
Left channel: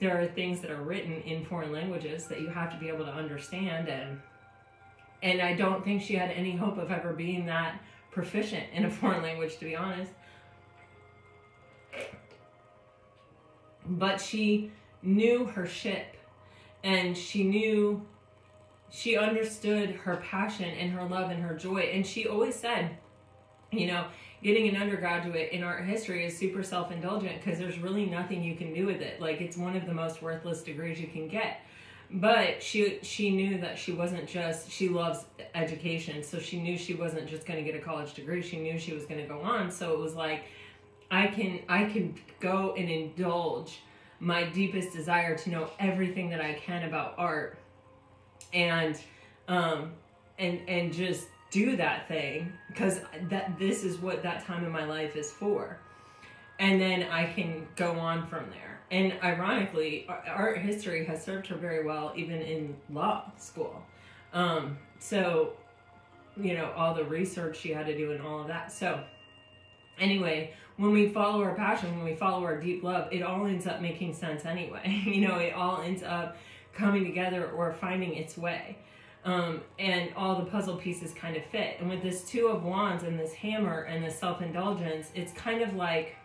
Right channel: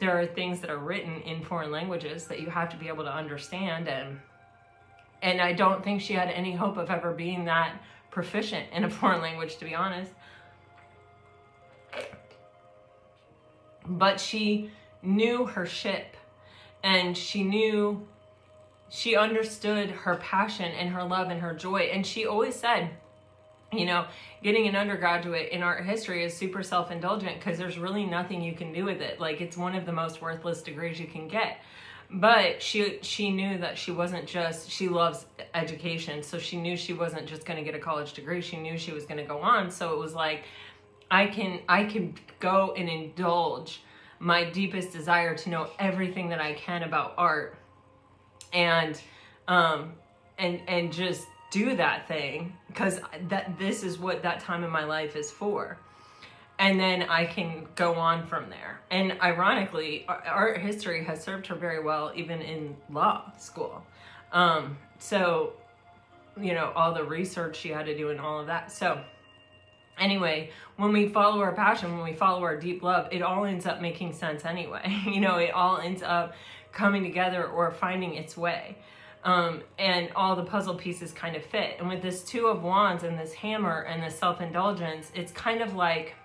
there are things that are written in foreign languages that you have to be able to understand. And I don't think she had any hope of ever being that proficient in a foreign language, to be honest. But she knew her ship, and she understood her passion and her love and her joy. And she always said, you know, getting an undergraduate in art history is super self-indulgent because there's really nothing you can do with it. Like, it's one of the most worthless degrees you can get. But she knew that she wasn't just, she loves education, so she knew she wasn't just going to get a college degree. She knew she was going to go on. So it was like, I can go and indulge my deepest desire to know everything that I can about art. And and just do that thing, because this is what that time in my life is for. And then I can go on from there. And ironically, art history has served her very well, even in law school. So, you know, all the research she had to do and all of that. So anyway, when we follow our passion, when we follow our deep love, it all ends up making sense anyway. You know, it all ends up coming together or finding its way. And all the puzzle pieces kind of fit. And with this Two of Wands and this hammer and this self-indulgence, it's kind of like,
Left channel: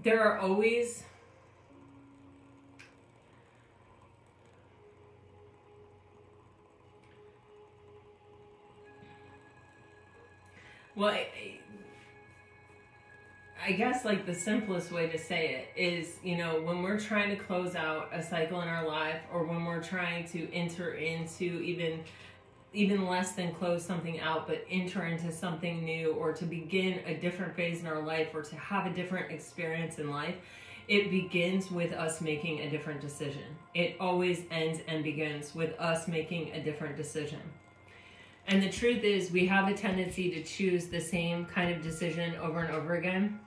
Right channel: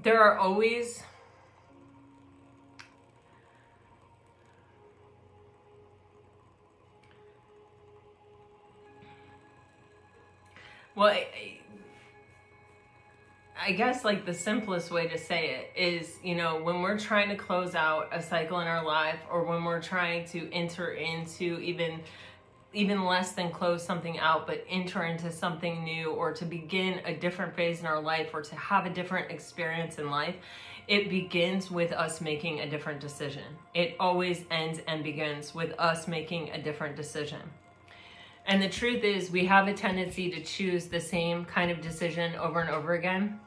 there are always well, I guess like the simplest way to say it is, you know, when we're trying to close out a cycle in our life, or when we're trying to enter into even less than close something out, but enter into something new, or to begin a different phase in our life, or to have a different experience in life, it begins with us making a different decision. It always ends and begins with us making a different decision. And the truth is, we have a tendency to choose the same kind of decision over and over again.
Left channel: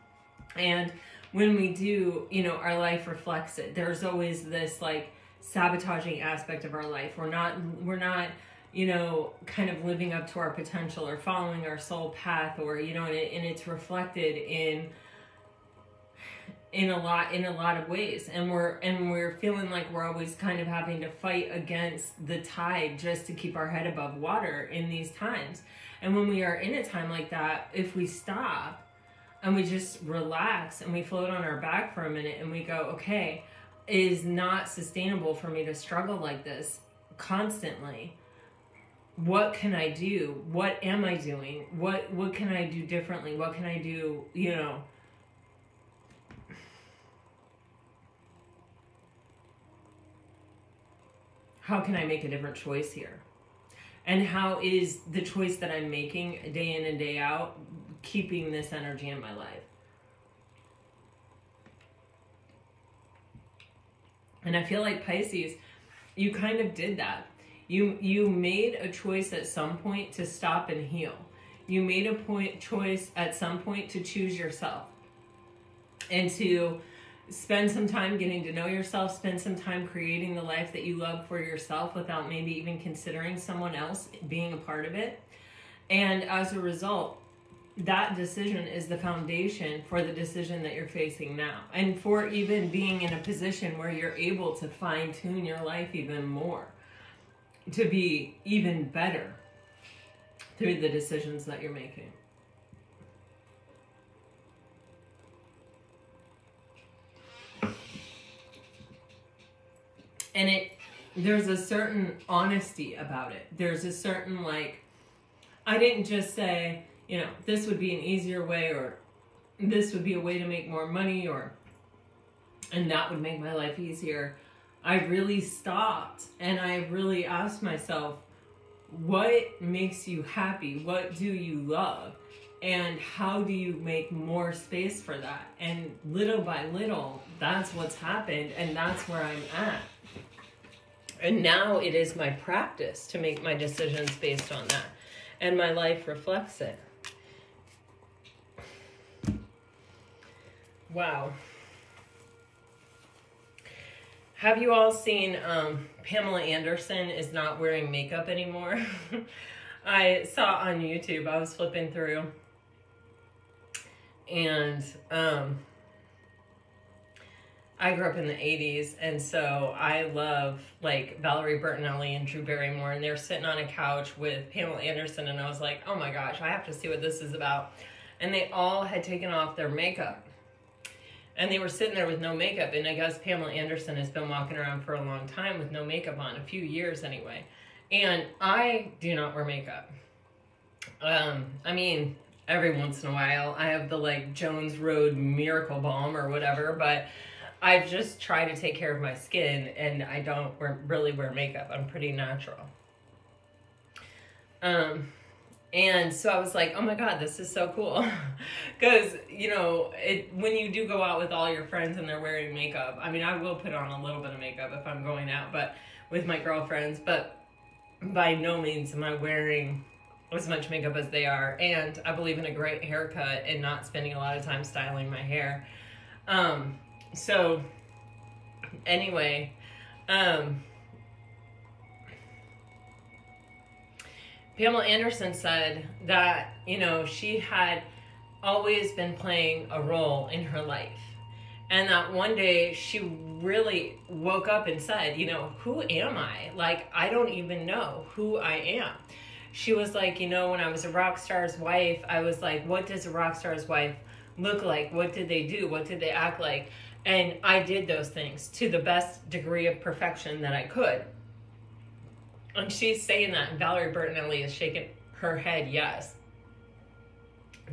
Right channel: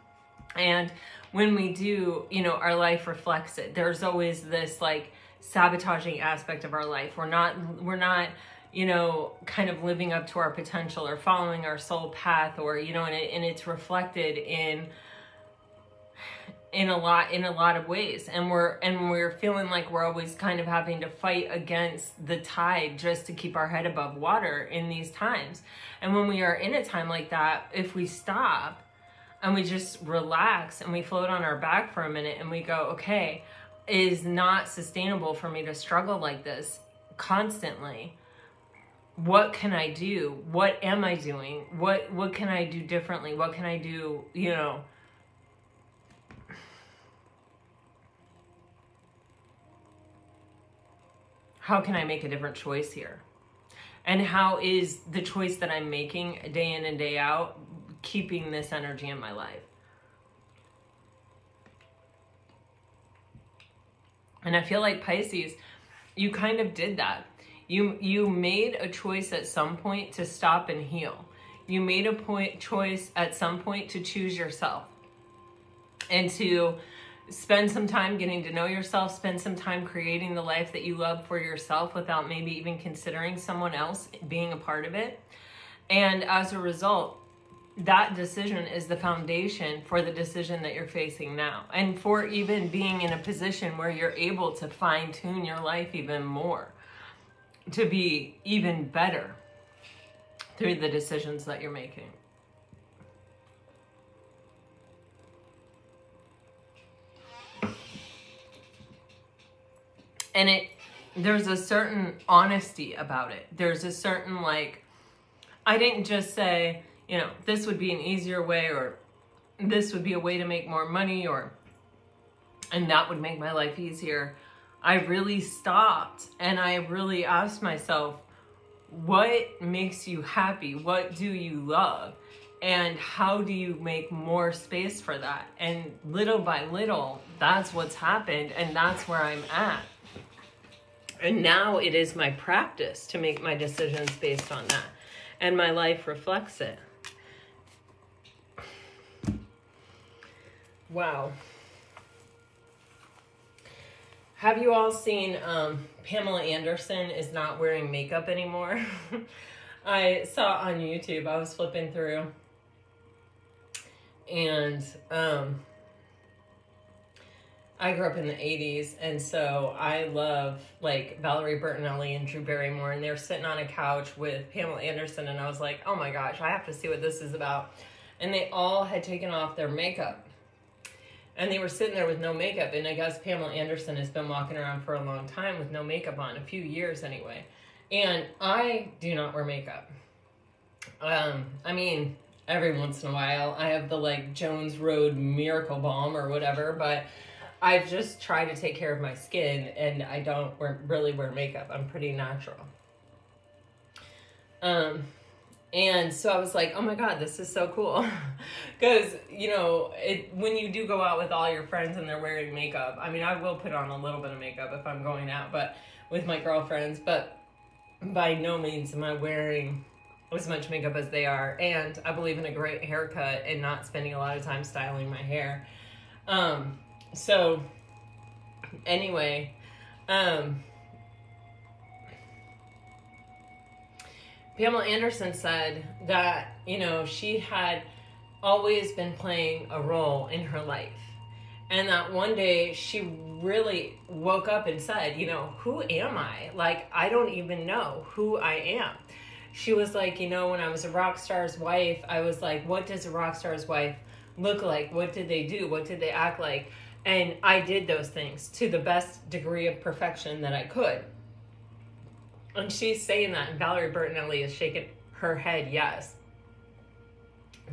And when we do, you know, our life reflects it. There's always this like sabotaging aspect of our life. We're not, you know, kind of living up to our potential or following our soul path, or, you know, and it's reflected in a lot of ways. And we're feeling like we're always kind of having to fight against the tide just to keep our head above water in these times. And when we are in a time like that, if we stop and we just relax and we float on our back for a minute and we go, okay, it is not sustainable for me to struggle like this constantly. What can I do? What am I doing? What can I do differently? What can I do, you know? How can I make a different choice here? And how is the choice that I'm making day in and day out keeping this energy in my life? And I feel like Pisces, you kind of did that. You made a choice at some point to stop and heal. You made a choice at some point to choose yourself and to spend some time getting to know yourself, spend some time creating the life that you love for yourself without maybe even considering someone else being a part of it. And as a result, that decision is the foundation for the decision that you're facing now, and for even being in a position where you're able to fine-tune your life even more, to be even better through the decisions that you're making. And there's a certain honesty about it. There's a certain, like, I didn't just say, you know, this would be an easier way, or this would be a way to make more money, and that would make my life easier. I really stopped and I really asked myself, what makes you happy? What do you love? And how do you make more space for that? And little by little, that's what's happened, and that's where I'm at. And now it is my practice to make my decisions based on that. And my life reflects it. Wow. Have you all seen Pamela Anderson is not wearing makeup anymore? I saw on YouTube, I was flipping through, and I grew up in the 80s, and so I love like Valerie Bertinelli and Drew Barrymore, and they're sitting on a couch with Pamela Anderson, and I was like, oh my gosh, I have to see what this is about. And they all had taken off their makeup, and they were sitting there with no makeup, and I guess Pamela Anderson has been walking around for a long time with no makeup on, a few years anyway. And I do not wear makeup. I mean, every once in a while, I have the like Jones Road Miracle Balm or whatever, but I've just tried to take care of my skin, and I don't really wear makeup. I'm pretty natural. And so I was like, oh my God, this is so cool. Because, you know, when you do go out with all your friends and they're wearing makeup, I mean, I will put on a little bit of makeup if I'm going out, but with my girlfriends, but by no means am I wearing as much makeup as they are. And I believe in a great haircut and not spending a lot of time styling my hair. So anyway, Pamela Anderson said that, you know, she had always been playing a role in her life. And that one day she really woke up and said, you know, who am I? Like, I don't even know who I am. She was like, you know, when I was a rock star's wife, I was like, what does a rock star's wife look like? What did they do? What did they act like? And I did those things to the best degree of perfection that I could. And she's saying that, and Valerie Bertinelli is shaking her head, yes.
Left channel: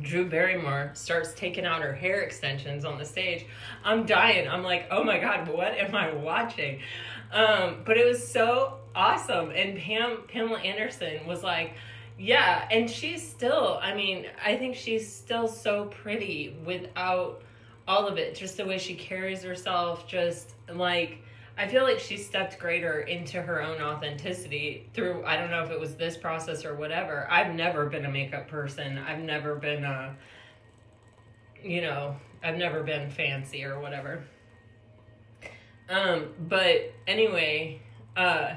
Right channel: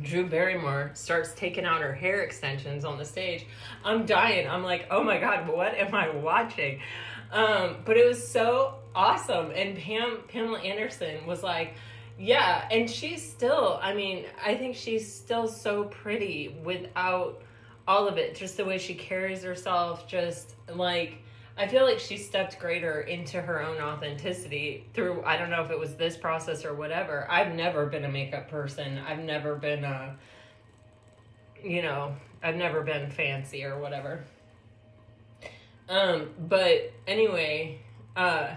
Drew Barrymore starts taking out her hair extensions on the stage. I'm dying. I'm like, oh my God, what am I watching? But it was so awesome. And Pamela Anderson was like, yeah. And she's still, I mean, I think she's still so pretty without all of it. Just the way she carries herself, just like, I feel like she stepped greater into her own authenticity through, I don't know if it was this process or whatever. I've never been a makeup person. I've never been I've never been fancy or whatever. But anyway, so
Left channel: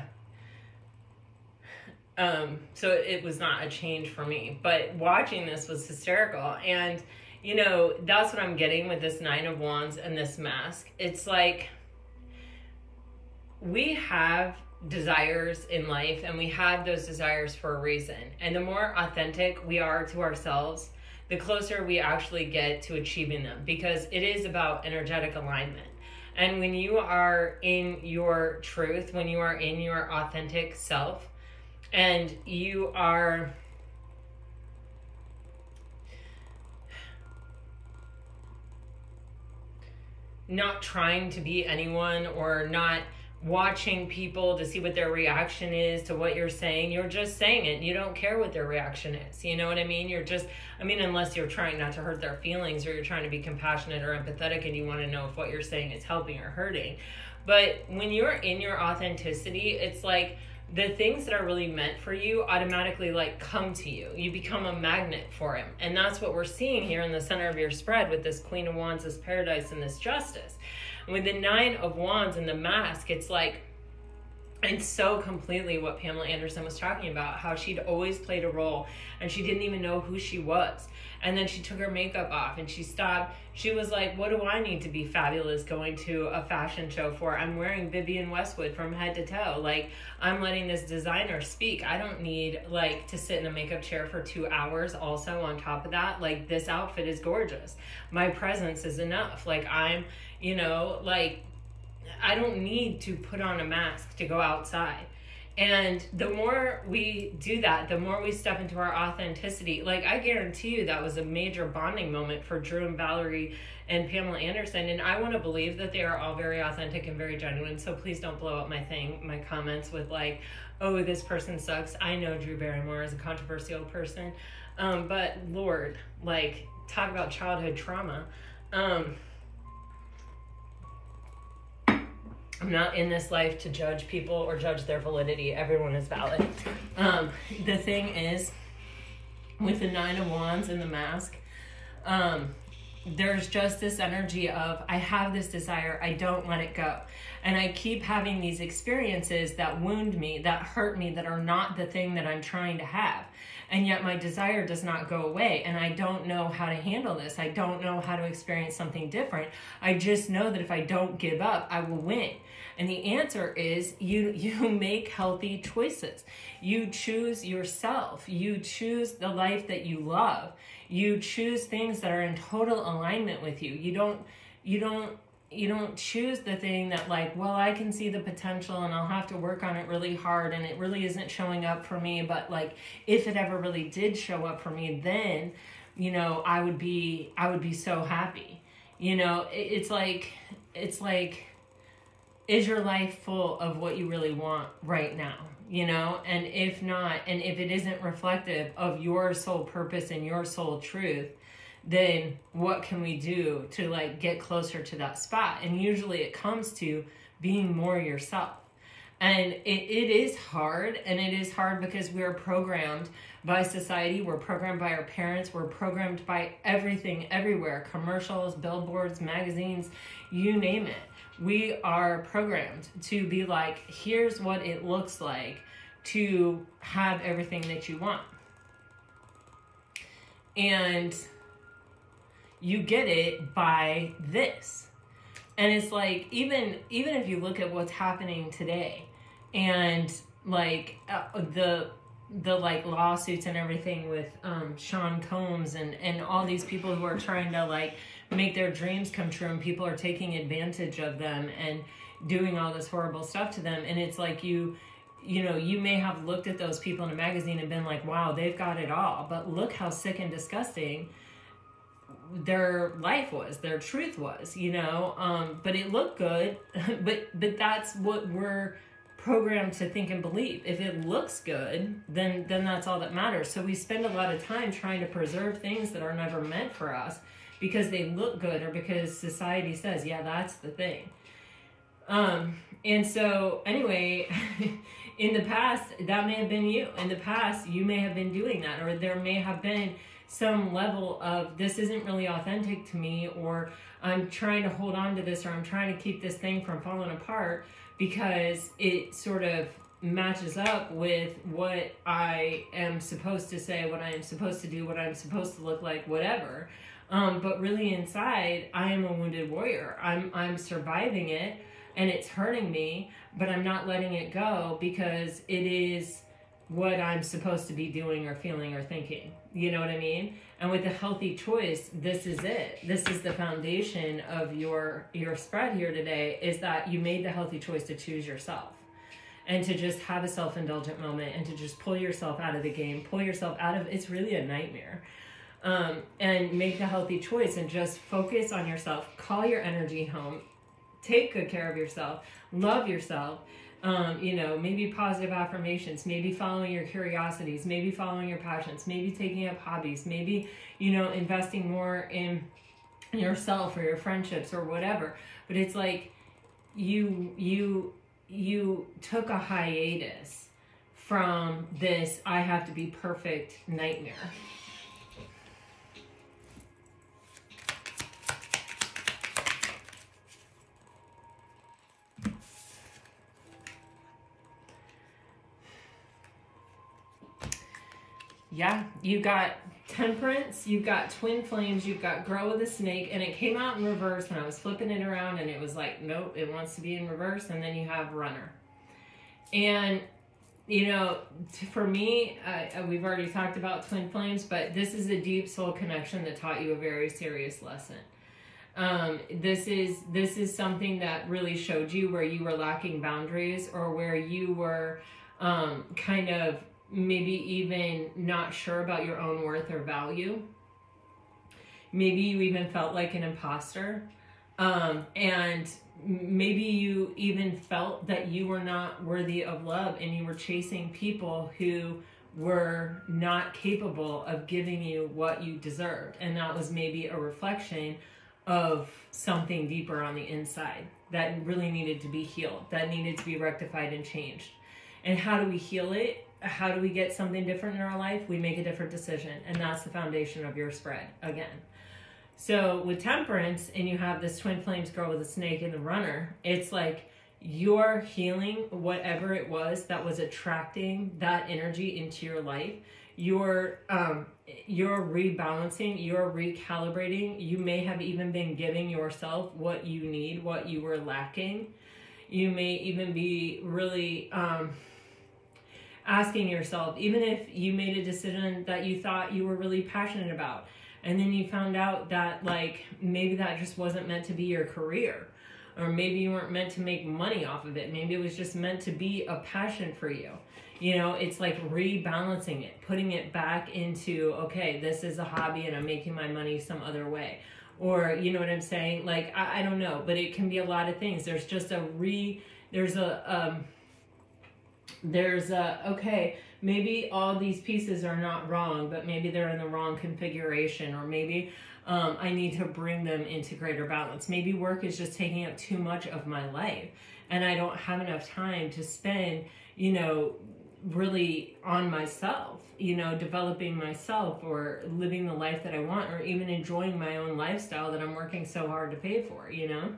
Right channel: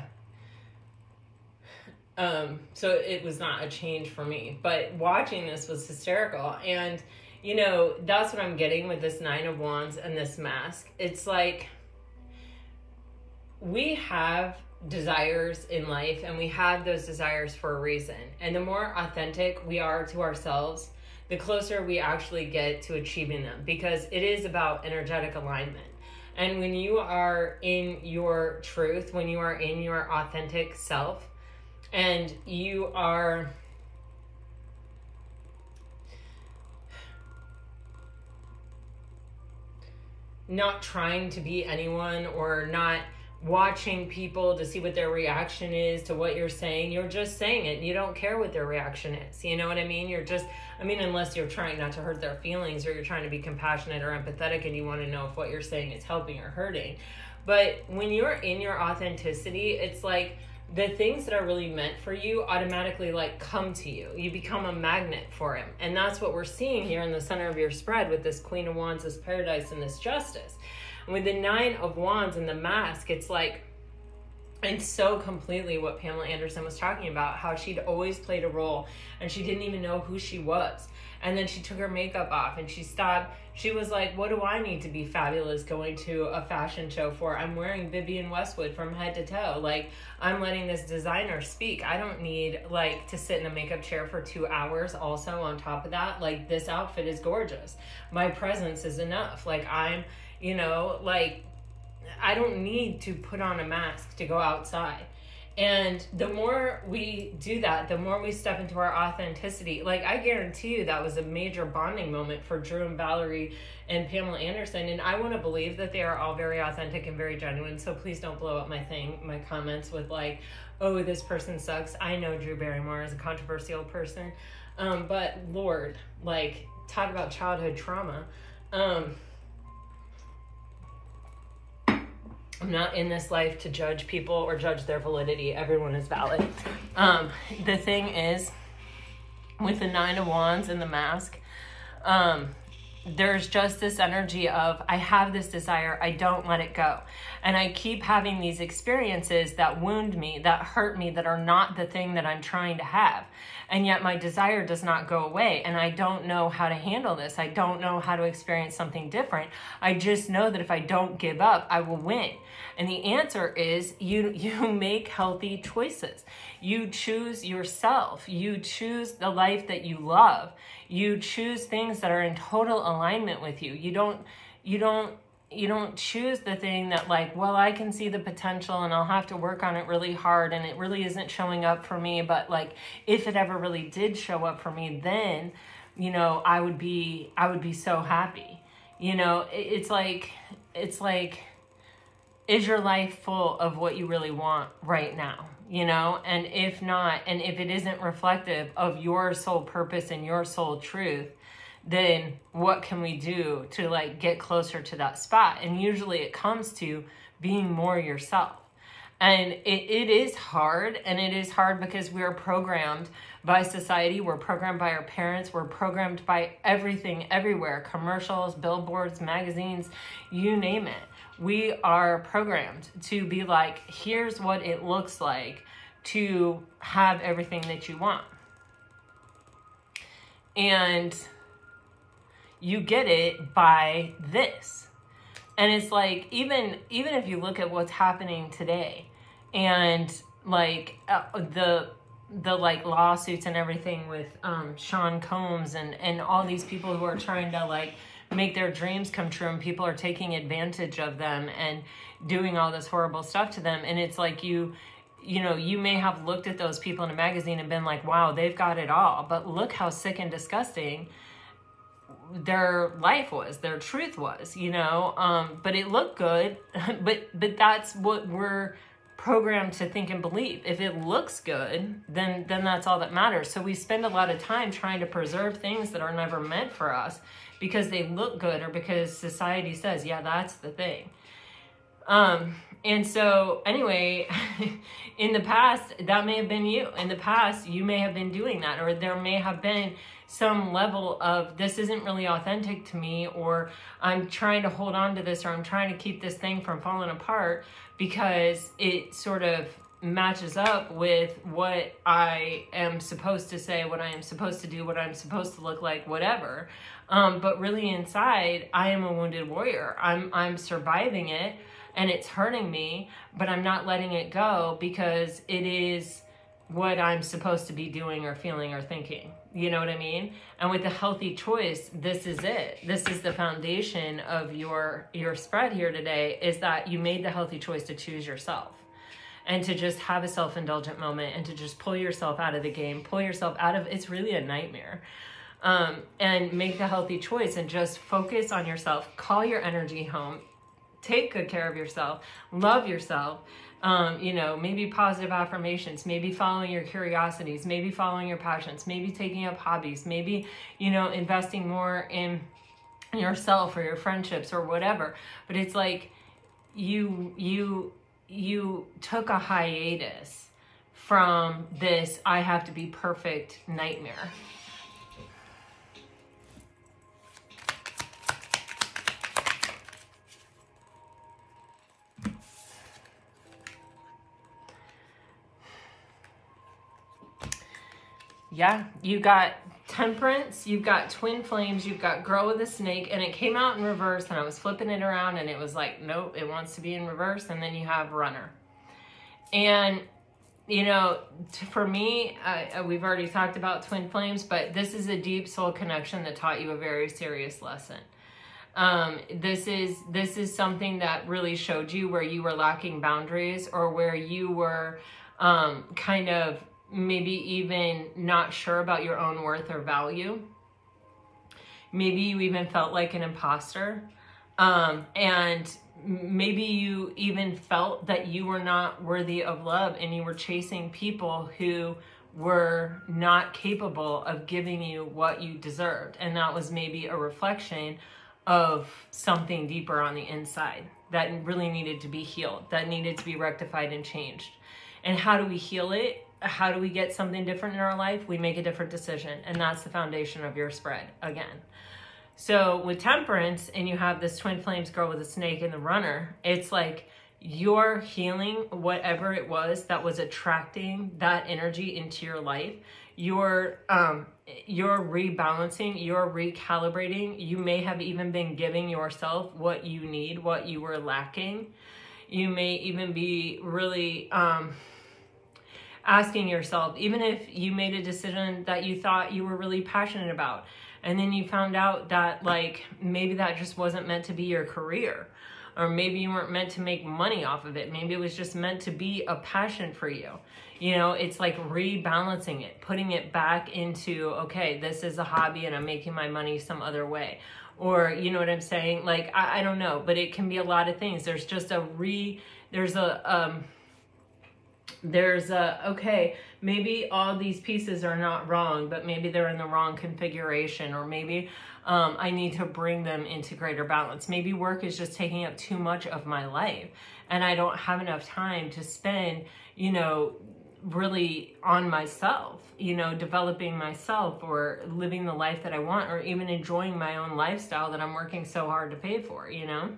it was not a change for me, but watching this was hysterical. And, you know, that's what I'm getting with this Nine of Wands and this mask. It's like, we have desires in life, and we have those desires for a reason. And the more authentic we are to ourselves, the closer we actually get to achieving them, because it is about energetic alignment. And when you are in your truth, when you are in your authentic self, and you are not trying to be anyone, or not watching people to see what their reaction is to what you're saying, you're just saying it. You don't care what their reaction is. You know what I mean? You're just, I mean, unless you're trying not to hurt their feelings, or you're trying to be compassionate or empathetic and you want to know if what you're saying is helping or hurting. But when you're in your authenticity, it's like the things that are really meant for you automatically like come to you. You become a magnet for him. And that's what we're seeing here in the center of your spread with this Queen of Wands, this Paradise, and this Justice. With the Nine of Wands and the mask, it's like, it's so completely what Pamela Anderson was talking about, how she'd always played a role and she didn't even know who she was. And then she took her makeup off and she stopped. She was like, what do I need to be fabulous going to a fashion show for? I'm wearing Vivienne Westwood from head to toe. Like, I'm letting this designer speak. I don't need like to sit in a makeup chair for 2 hours. Also on top of that, like, this outfit is gorgeous. My presence is enough. Like, I'm, you know, like, I don't need to put on a mask to go outside. And the more we do that, the more we step into our authenticity. Like, I guarantee you that was a major bonding moment for Drew and Valerie and Pamela Anderson. And I want to believe that they are all very authentic and very genuine. So please don't blow up my comments with like, oh, this person sucks. I know Drew Barrymore is a controversial person. But Lord, like, talk about childhood trauma. I'm not in this life to judge people or judge their validity. Everyone is valid. The thing is, with the Nine of Wands and the mask, there's just this energy of, I have this desire, I don't let it go. And I keep having these experiences that wound me, that hurt me, that are not the thing that I'm trying to have. And yet my desire does not go away. And I don't know how to handle this. I don't know how to experience something different. I just know that if I don't give up, I will win. And the answer is you make healthy choices. You choose yourself. You choose the life that you love. You choose things that are in total alignment with you. You don't choose the thing that like, well, I can see the potential and I'll have to work on it really hard and it really isn't showing up for me. But like, if it ever really did show up for me, then, you know, I would be so happy. You know, it's like, is your life full of what you really want right now? you know? And if not, and if it isn't reflective of your soul purpose and your soul truth, then what can we do to like get closer to that spot? And usually it comes to being more yourself. And it is hard, and it is hard because we are programmed by society, we're programmed by our parents, we're programmed by everything, everywhere, commercials, billboards, magazines, you name it. We are programmed to be like, here's what it looks like to have everything that you want. And you get it by this. And it's like, even if you look at what's happening today, and like the like lawsuits and everything with Sean Combs and all these people who are trying to like make their dreams come true, and people are taking advantage of them and doing all this horrible stuff to them. And it's like, you know, you may have looked at those people in a magazine and been like, wow, they've got it all, but look how sick and disgusting their life was, their truth was, you know. But it looked good, but that's what we're programmed to think and believe. If it looks good, then that's all that matters. So we spend a lot of time trying to preserve things that are never meant for us because they look good, or because society says, yeah, that's the thing. And so anyway, in the past, that may have been you. In the past, you may have been doing that, or there may have been some level of, this isn't really authentic to me, or I'm trying to hold on to this, or I'm trying to keep this thing from falling apart because it sort of matches up with what I am supposed to say, what I am supposed to do, what I'm supposed to look like, whatever. But really inside, I am a wounded warrior. I'm surviving it, and it's hurting me, but I'm not letting it go because it is what I'm supposed to be doing or feeling or thinking. You know what I mean? And with a healthy choice, this is it. This is the foundation of your spread here today, is that you made the healthy choice to choose yourself and to just have a self-indulgent moment and to just pull yourself out of the game, pull yourself out of, it's really a nightmare. And make the healthy choice and just focus on yourself, call your energy home, take good care of yourself, love yourself. You know, maybe positive affirmations, maybe following your curiosities, maybe following your passions, maybe taking up hobbies, maybe, you know, investing more in yourself or your friendships or whatever. But it's like you took a hiatus from this I have to be perfect nightmare. Yeah, you got Temperance, you've got Twin Flames, you've got Girl with a Snake, and it came out in reverse, and I was flipping it around, and it was like, nope, it wants to be in reverse, and then you have Runner. And, you know, for me, we've already talked about Twin Flames, but this is a deep soul connection that taught you a very serious lesson. This is something that really showed you where you were lacking boundaries, or where you were kind of maybe even not sure about your own worth or value. Maybe you even felt like an imposter. And maybe you even felt that you were not worthy of love, and you were chasing people who were not capable of giving you what you deserved. And that was maybe a reflection of something deeper on the inside that really needed to be healed, that needed to be rectified and changed. And how do we heal it? How do we get something different in our life? We make a different decision, and that's the foundation of your spread again. So with Temperance, and you have this Twin Flames, Girl with a Snake, and the Runner, it's like you're healing whatever it was that was attracting that energy into your life. You're rebalancing, you're recalibrating. You may have even been giving yourself what you need, what you were lacking. You may even be really asking yourself, even if you made a decision that you thought you were really passionate about, and then you found out that like maybe that just wasn't meant to be your career, or maybe you weren't meant to make money off of it. Maybe it was just meant to be a passion for you. You know, it's like rebalancing it, putting it back into, okay, this is a hobby and I'm making my money some other way. Or, you know what I'm saying? Like, I don't know, but it can be a lot of things. There's just There's okay, maybe all these pieces are not wrong, but maybe they're in the wrong configuration, or maybe I need to bring them into greater balance. Maybe work is just taking up too much of my life and I don't have enough time to spend, you know, really on myself, you know, developing myself or living the life that I want, or even enjoying my own lifestyle that I'm working so hard to pay for, you know?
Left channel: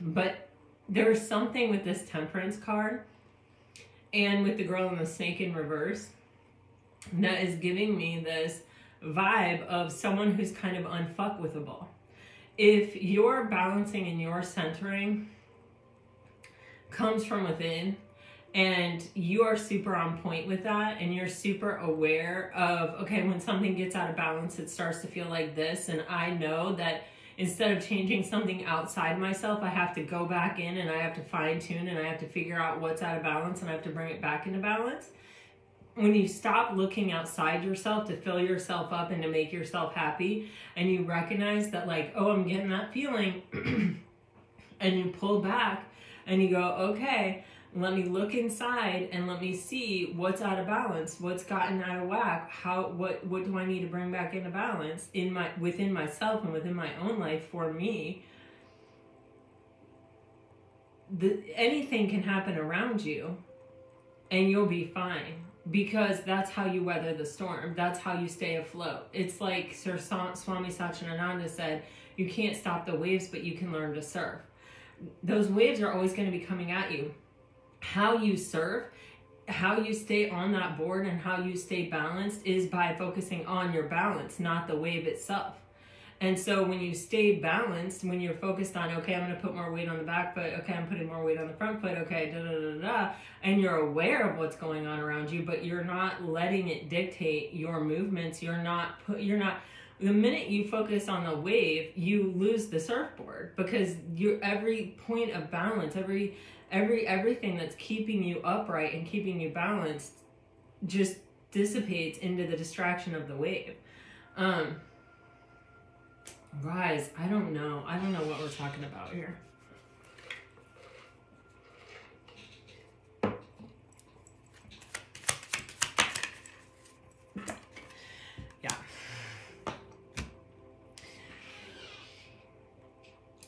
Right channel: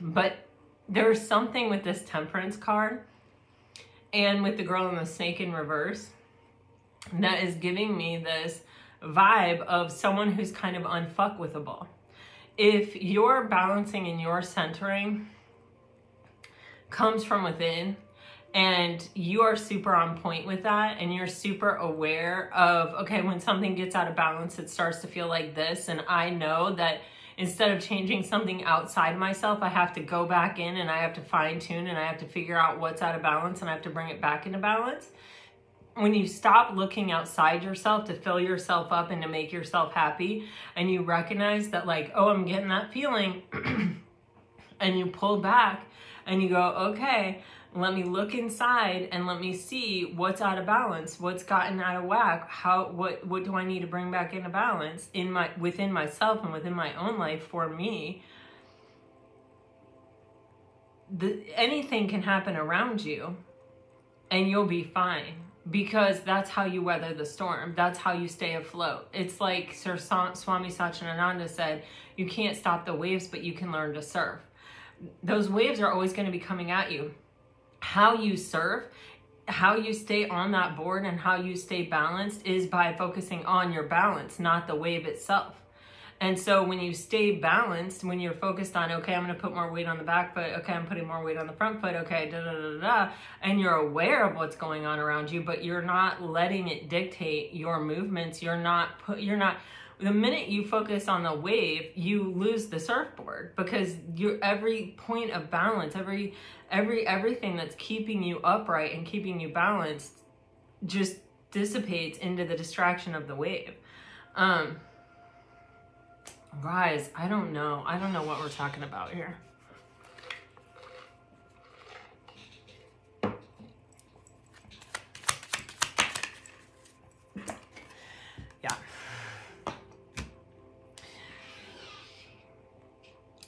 But there's something with this Temperance card and with the girl and the snake in reverse that is giving me this vibe of someone who's kind of unfuckwithable. If your balancing and your centering comes from within, and you are super on point with that, and you're super aware of, okay, when something gets out of balance, it starts to feel like this, and I know that instead of changing something outside myself, I have to go back in and I have to fine tune and I have to figure out what's out of balance and I have to bring it back into balance. When you stop looking outside yourself to fill yourself up and to make yourself happy, and you recognize that, like, oh, I'm getting that feeling, and you pull back and you go, okay, let me look inside and let me see what's out of balance, what's gotten out of whack, what do I need to bring back into balance within myself and within my own life for me. Anything can happen around you and you'll be fine, because that's how you weather the storm. That's how you stay afloat. It's like Sir Swami Satchidananda said, you can't stop the waves, but you can learn to surf. Those waves are always going to be coming at you. How you surf, how you stay on that board, and how you stay balanced is by focusing on your balance, not the wave itself. And so when you stay balanced, when you're focused on, okay, I'm going to put more weight on the back foot, okay, I'm putting more weight on the front foot, okay, da da da da, and you're aware of what's going on around you, but you're not letting it dictate your movements. The minute you focus on the wave, you lose the surfboard, because every point of balance, everything that's keeping you upright and keeping you balanced just dissipates into the distraction of the wave. Guys, I don't know what we're talking about here. Yeah.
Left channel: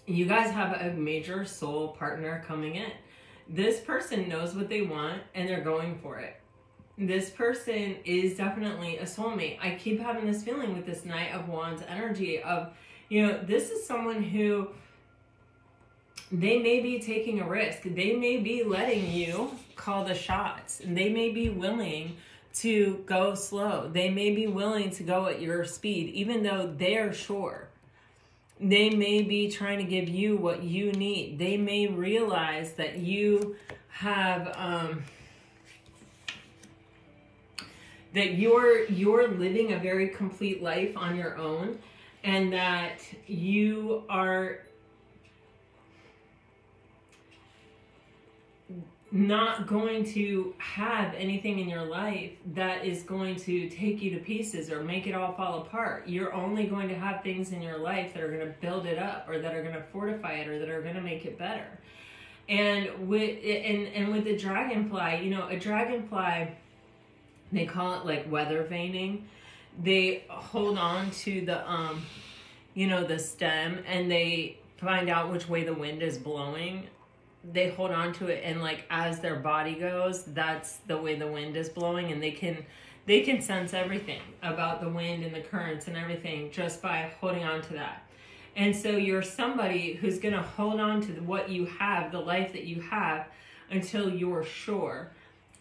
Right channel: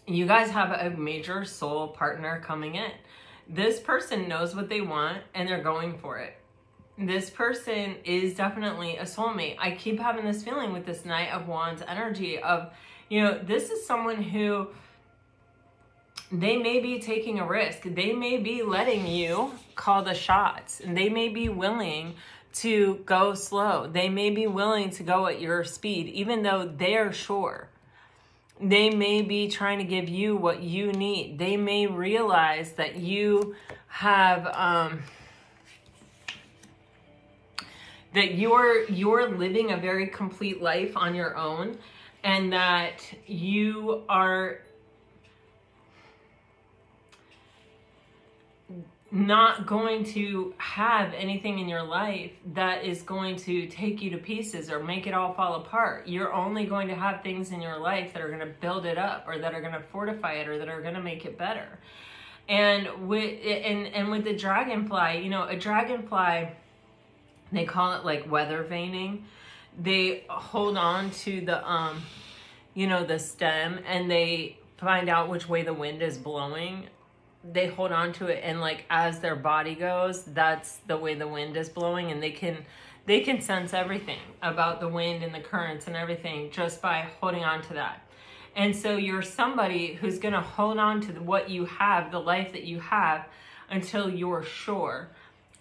You guys have a major soul partner coming in. This person knows what they want and they're going for it. This person is definitely a soulmate. I keep having this feeling with this Knight of Wands energy of, you know, this is someone who, they may be taking a risk. They may be letting you call the shots, and they may be willing to go slow. They may be willing to go at your speed, even though they're sure. They may be trying to give you what you need. They may realize that you have, that you're living a very complete life on your own, and that you are not going to have anything in your life that is going to take you to pieces or make it all fall apart. You're only going to have things in your life that are going to build it up, or that are going to fortify it, or that are going to make it better. And with the dragonfly, you know, a dragonfly, they call it like weather vaning. They hold on to the, you know, the stem, and they find out which way the wind is blowing. They hold on to it, and like as their body goes, that's the way the wind is blowing, and they can sense everything about the wind and the currents and everything just by holding on to that. And so you're somebody who's going to hold on to what you have, the life that you have, until you're sure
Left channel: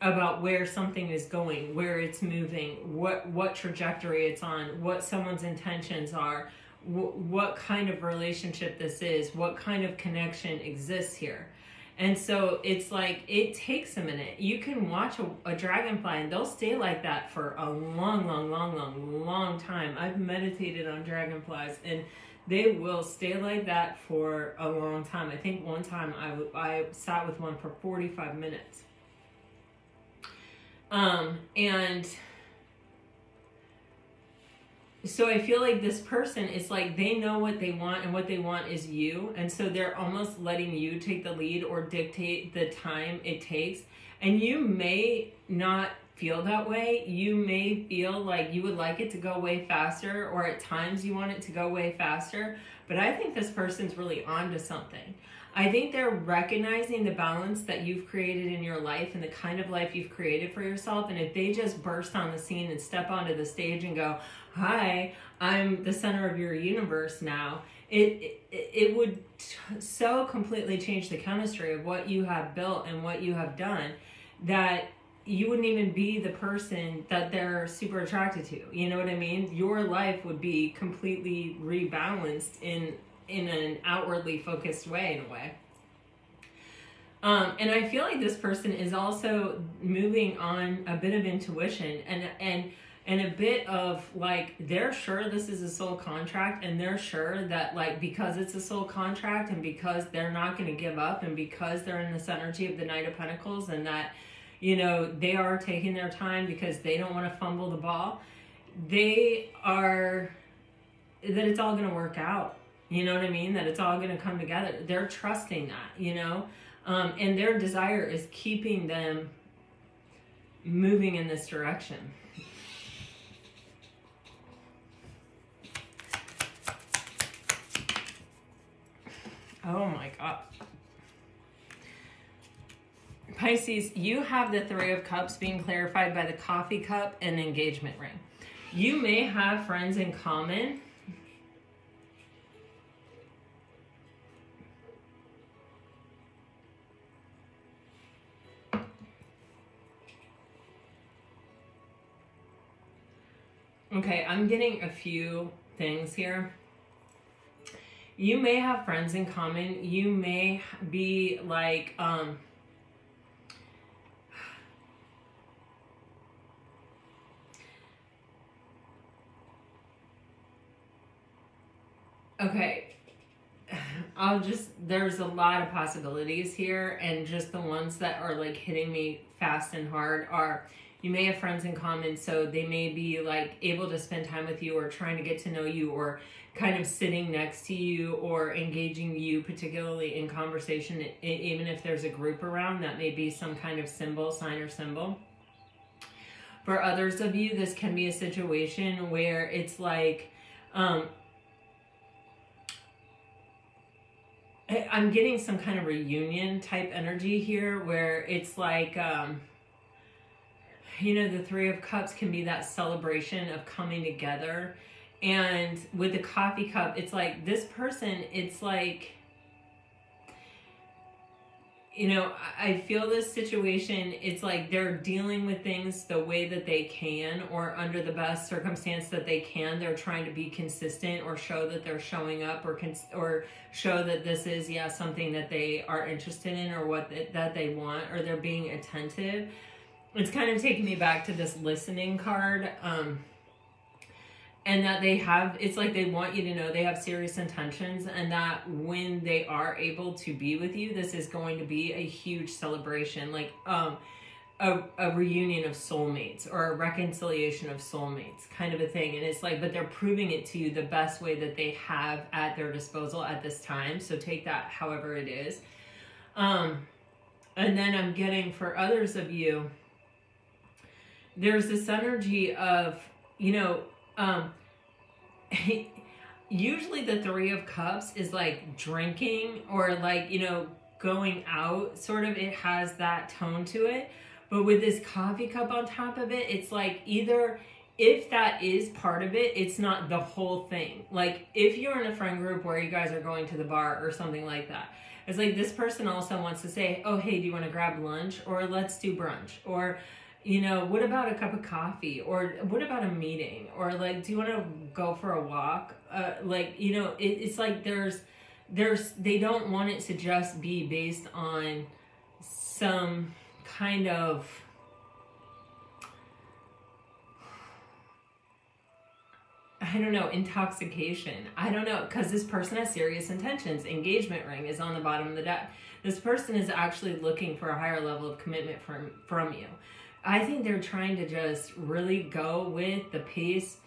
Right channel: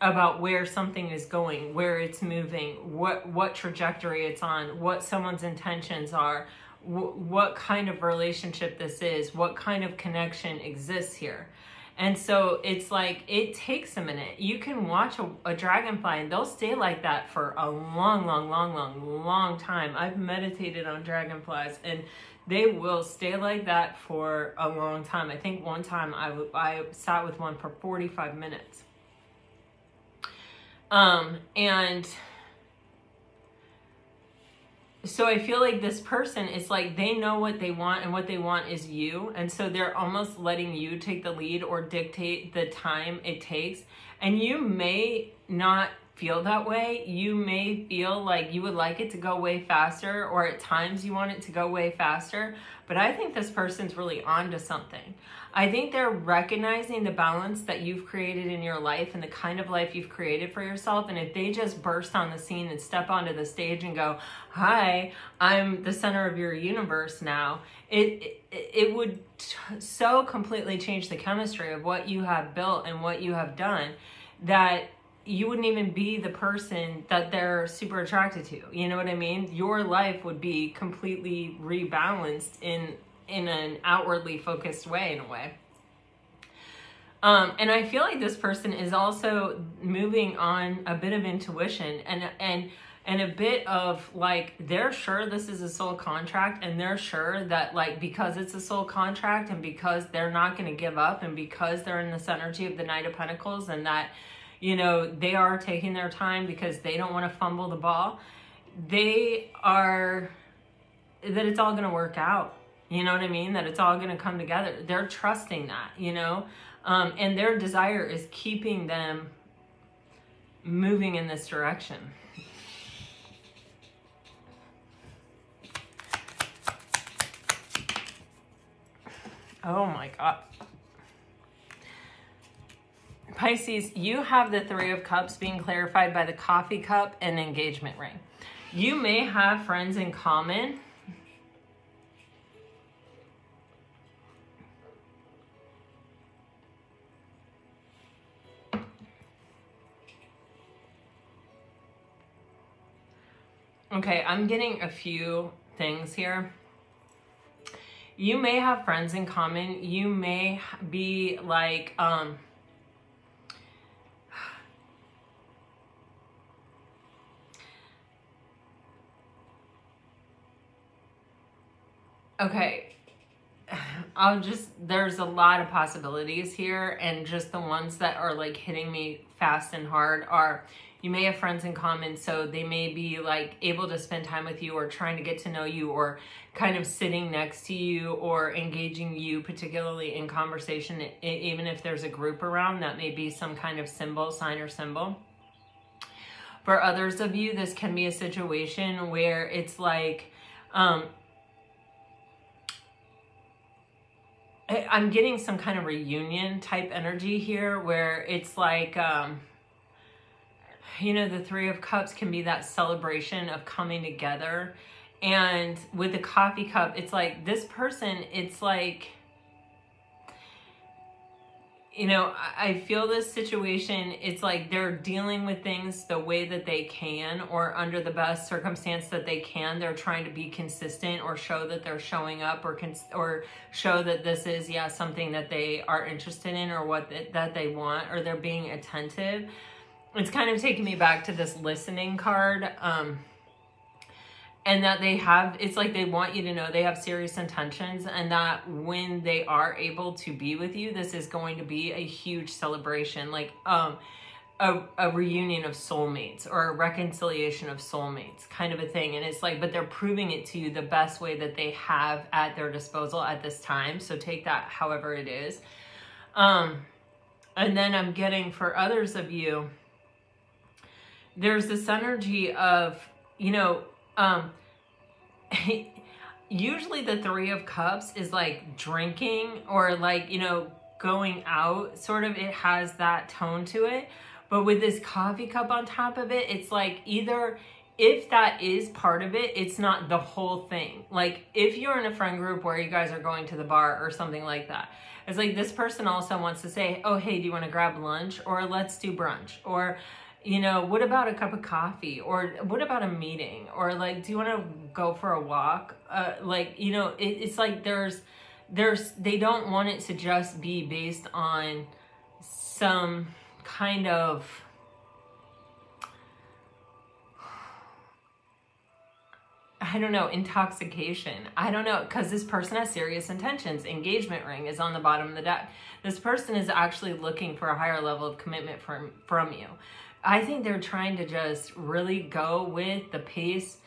about where something is going, where it's moving, what trajectory it's on, what someone's intentions are, what kind of relationship this is, what kind of connection exists here. And so it's like, it takes a minute. You can watch a dragonfly and they'll stay like that for a long time. I've meditated on dragonflies and they will stay like that for a long time. I think one time I sat with one for 45 minutes. And So I feel like this person is like, they know what they want, and what they want is you. And so they're almost letting you take the lead or dictate the time it takes. And you may not feel that way. You may feel like you would like it to go way faster, or at times you want it to go way faster. But I think this person's really on to something. I think they're recognizing the balance that you've created in your life and the kind of life you've created for yourself. And if they just burst on the scene and step onto the stage and go, hi, I'm the center of your universe now, it would so completely change the chemistry of what you have built and what you have done, that you wouldn't even be the person that they're super attracted to. You know what I mean? Your life would be completely rebalanced in an outwardly focused way, in a way. And I feel like this person is also moving on a bit of intuition and a bit of like, they're sure this is a soul contract, and they're sure that like, because it's a soul contract, and because they're not going to give up, and because they're in this energy of the Knight of Pentacles, and that, you know, they are taking their time because they don't want to fumble the ball, that it's all going to work out. You know what I mean? That it's all going to come together. They're trusting that, you know? And their desire is keeping them moving in this direction. Oh my God. Pisces, you have the Three of Cups being clarified by the coffee cup and engagement ring. You may have friends in common. Okay, I'm getting a few things here. You may have friends in common. You may be like, okay, there's a lot of possibilities here, and just the ones that are like hitting me fast and hard are, you may have friends in common, so they may be like able to spend time with you, or trying to get to know you, or kind of sitting next to you, or engaging you particularly in conversation, even if there's a group around. That may be some kind of symbol, sign or symbol. For others of you, this can be a situation where it's like, I'm getting some kind of reunion type energy here, where it's like, you know, the Three of Cups can be that celebration of coming together. And with the coffee cup, it's like this person, it's like, you know, I feel this situation, it's like they're dealing with things the way that they can, or under the best circumstance that they can. They're trying to be consistent, or show that they're showing up, or show that this is, yeah, something that they are interested in, or that they want, or they're being attentive. It's kind of taking me back to this listening card, and that they have, it's like they want you to know they have serious intentions, and that when they are able to be with you, this is going to be a huge celebration, like a reunion of soulmates, or a reconciliation of soulmates, kind of a thing. And it's like, but they're proving it to you the best way that they have at their disposal at this time. So take that however it is. And then I'm getting, for others of you, there's this energy of, you know, usually the Three of Cups is like drinking, or like, you know, going out, sort of, it has that tone to it. But with this coffee cup on top of it, it's like, either, if that is part of it, it's not the whole thing. Like if you're in a friend group where you guys are going to the bar or something like that, it's like this person also wants to say, oh, hey, do you want to grab lunch? Or let's do brunch? Or, you know, what about a cup of coffee? Or what about a meeting? Or like, do you want to go for a walk? Like, you know, it's like they don't want it to just be based on some kind of, I don't know, intoxication. I don't know, because this person has serious intentions. Engagement ring is on the bottom of the deck. This person is actually looking for a higher level of commitment from you. I think they're trying to just really go with the pace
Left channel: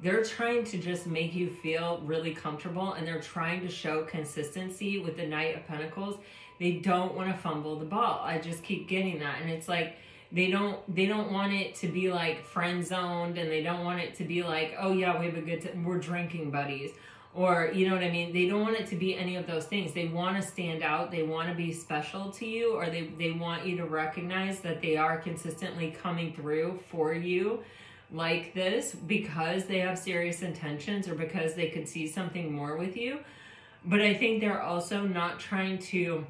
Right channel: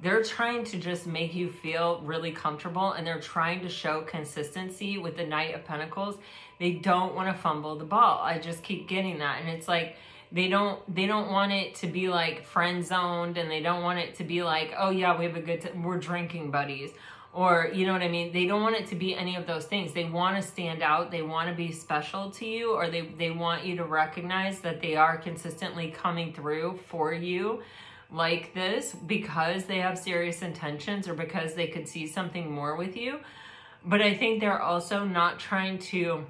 they're trying to just make you feel really comfortable, and they're trying to show consistency with the Knight of Pentacles. They don't want to fumble the ball. I just keep getting that. And it's like, they don't want it to be like friend zoned, and they don't want it to be like, oh yeah, we have a good time, we're drinking buddies. Or, you know what I mean? They don't want it to be any of those things. They want to stand out. They want to be special to you, or they want you to recognize that they are consistently coming through for you like this because they have serious intentions, or because they could see something more with you. But I think they're also not trying to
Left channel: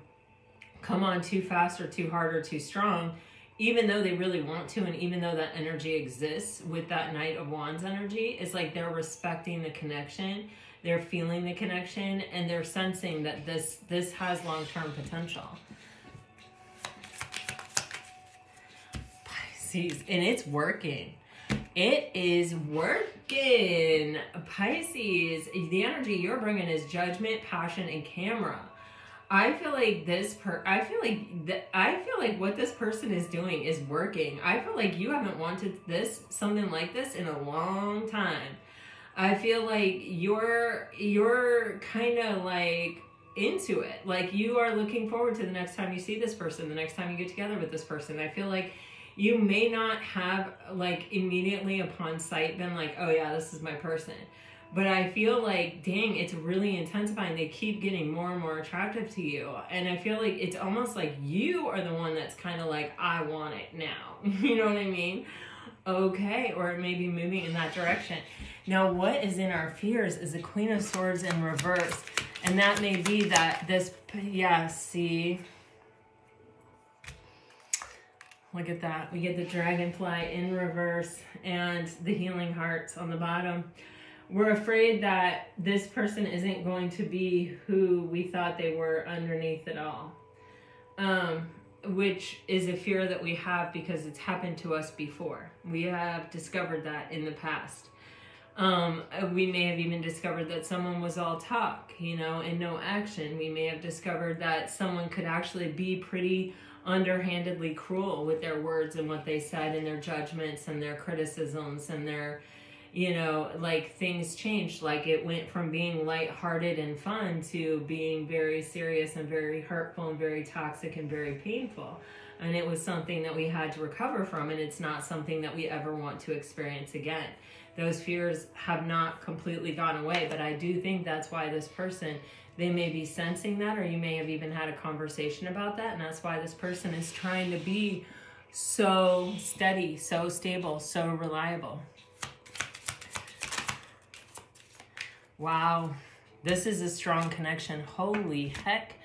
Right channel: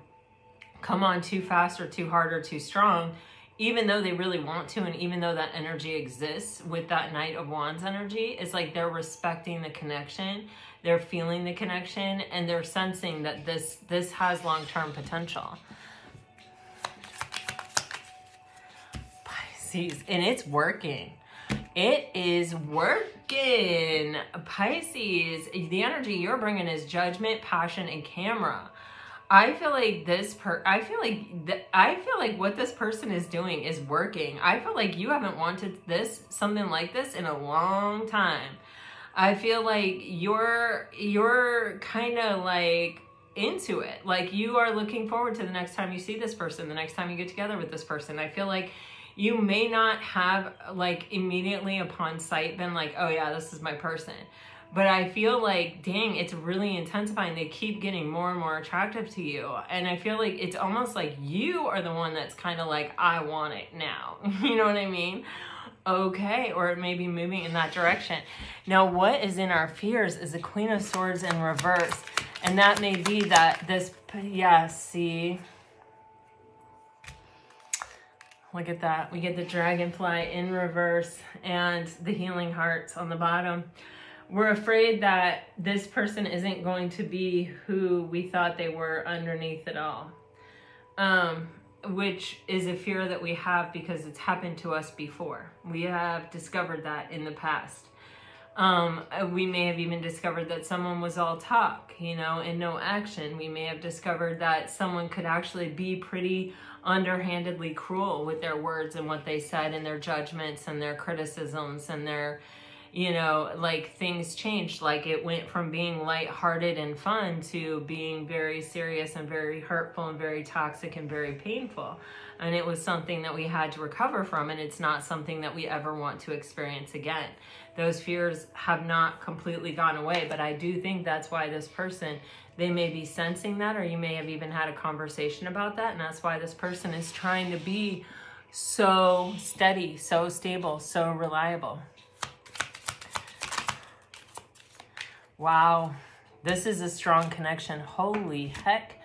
come on too fast or too hard or too strong, even though they really want to, and even though that energy exists with that Knight of Wands energy. It's like they're respecting the connection, they're feeling the connection, and they're sensing that this has long-term potential. Pisces, and it's working. It is working. Pisces, the energy you're bringing is judgment, passion, and camera. I feel like I feel like what this person is doing is working. I feel like you haven't wanted something like this in a long time. I feel like you're kind of like into it. Like you are looking forward to the next time you see this person, the next time you get together with this person. I feel like you may not have like immediately upon sight been like, oh yeah, this is my person. But I feel like, dang, it's really intensifying. They keep getting more and more attractive to you. And I feel like it's almost like you are the one that's kind of like, I want it now. You know what I mean? Okay, or it may be moving in that direction. Now, what is in our fears is the Queen of Swords in reverse. And that may be that this, yeah, see? Look at that. We get the Dragonfly in reverse and the Healing Hearts on the bottom. We're afraid that this person isn't going to be who we thought they were underneath it all. Which is a fear that we have because it's happened to us before. We have discovered that in the past. We may have even discovered that someone was all talk, you know, and no action. We may have discovered that someone could actually be pretty underhandedly cruel with their words and what they said, and their judgments and their criticisms and their, you know, like things changed. Like it went from being lighthearted and fun to being very serious and very hurtful and very toxic and very painful. And it was something that we had to recover from, and it's not something that we ever want to experience again. Those fears have not completely gone away, but I do think that's why this person, they may be sensing that, or you may have even had a conversation about that, and that's why this person is trying to be so steady, so stable, so reliable. Wow, this is a strong connection. Holy heck.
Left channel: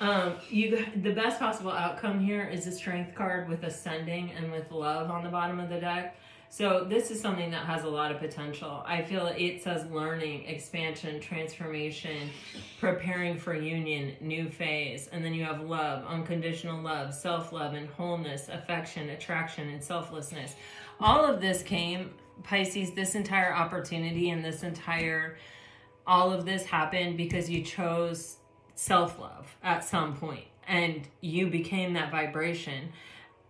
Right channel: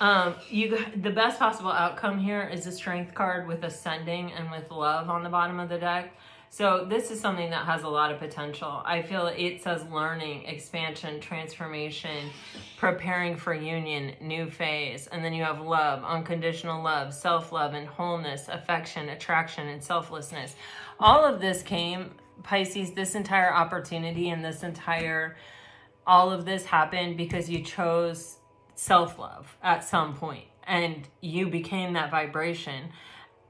The best possible outcome here is a Strength card with Ascending and with Love on the bottom of the deck. So this is something that has a lot of potential. I feel it says learning, expansion, transformation, preparing for union, new phase. And then you have love, unconditional love, self-love and wholeness, affection, attraction, and selflessness. All of this came, Pisces, this entire opportunity and all of this happened because you chose self-love at some point and you became that vibration,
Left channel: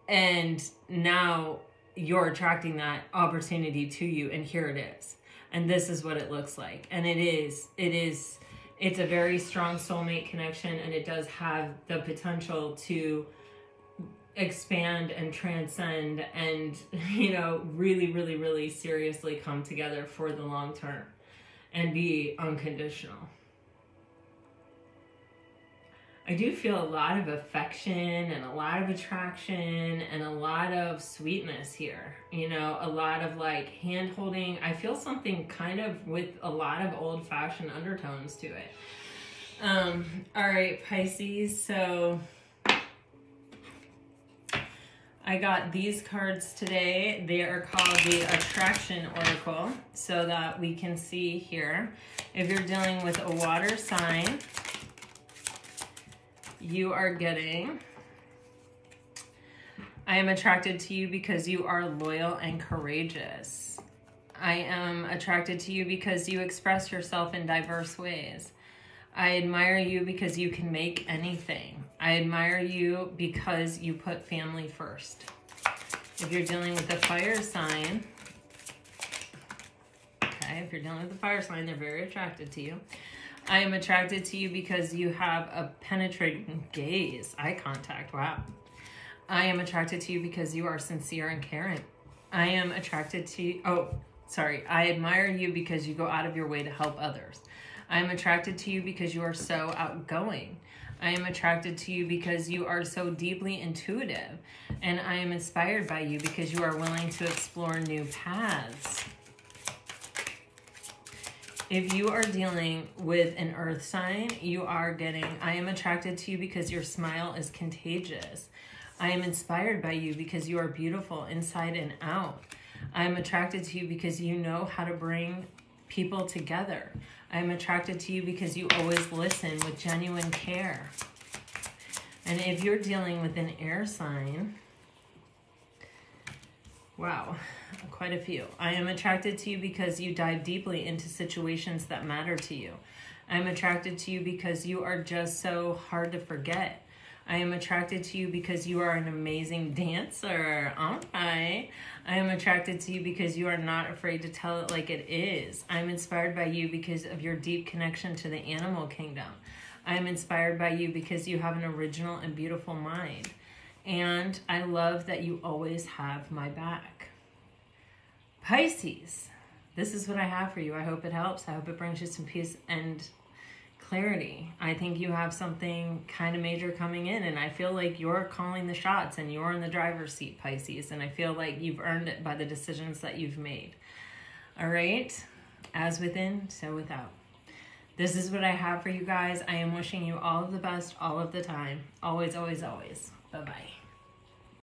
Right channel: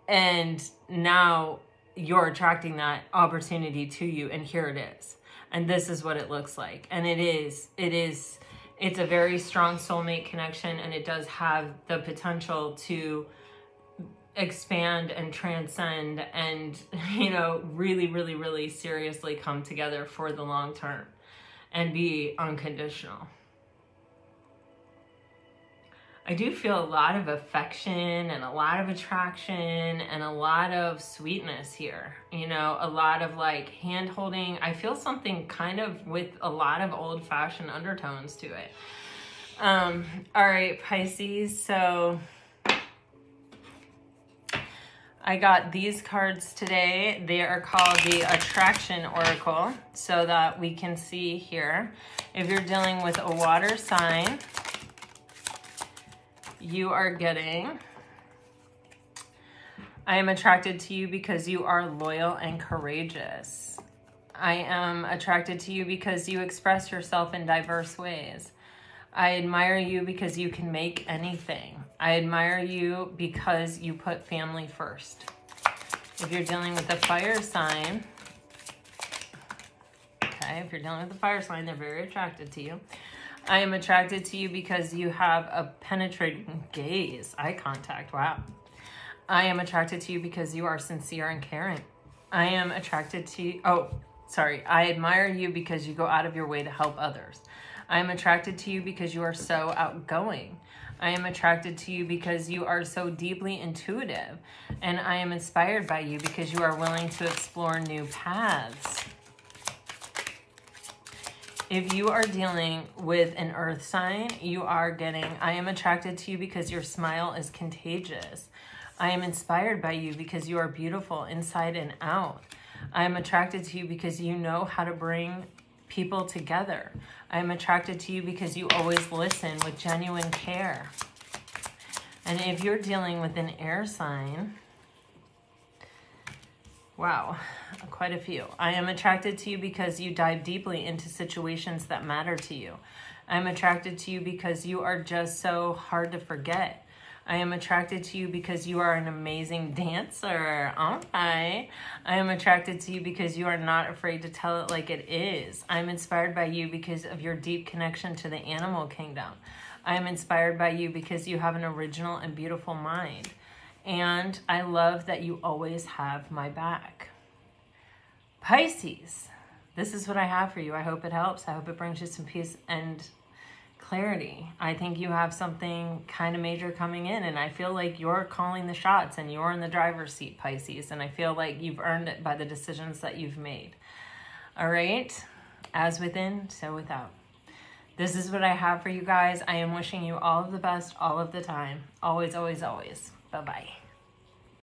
and now you're attracting that opportunity to you, and here it is. And this is what it looks like. And it's a very strong soulmate connection, and it does have the potential to expand and transcend and, you know, really, really, really seriously come together for the long term and be unconditional. I do feel a lot of affection and a lot of attraction and a lot of sweetness here. You know, a lot of like hand holding. I feel something kind of with a lot of old fashioned undertones to it. All right, Pisces. So I got these cards today. They are called the Attraction Oracle, so that we can see here. If you're dealing with a water sign, you are getting, I am attracted to you because you are loyal and courageous. I am attracted to you because you express yourself in diverse ways. I admire you because you can make anything. I admire you because you put family first. If you're dealing with a fire sign, okay. okay? If you're dealing with the fire sign, they're very attracted to you. I am attracted to you because you have a penetrating gaze, eye contact, wow. I am attracted to you because you are sincere and caring. I am attracted to you, I admire you because you go out of your way to help others. I am attracted to you because you are so outgoing. I am attracted to you because you are so deeply intuitive. And I am inspired by you because you are willing to explore new paths. If you are dealing with an earth sign, you are getting, I am attracted to you because your smile is contagious. I am inspired by you because you are beautiful inside and out. I am attracted to you because you know how to bring people together. I am attracted to you because you always listen with genuine care. And if you're dealing with an air sign, wow, quite a few. I am attracted to you because you dive deeply into situations that matter to you. I'm attracted to you because you are just so hard to forget. I am attracted to you because you are an amazing dancer. Okay. I am attracted to you because you are not afraid to tell it like it is. I'm inspired by you because of your deep connection to the animal kingdom. I am inspired by you because you have an original and beautiful mind. And I love that you always have my back. Pisces, this is what I have for you. I hope it helps. I hope it brings you some peace and clarity. I think you have something kind of major coming in, and I feel like you're calling the shots and you're in the driver's seat, Pisces, and I feel like you've earned it by the decisions that you've made. All right, as within, so without. This is what I have for you guys. I am wishing you all of the best all of the time. Always, always, always. Bye-bye.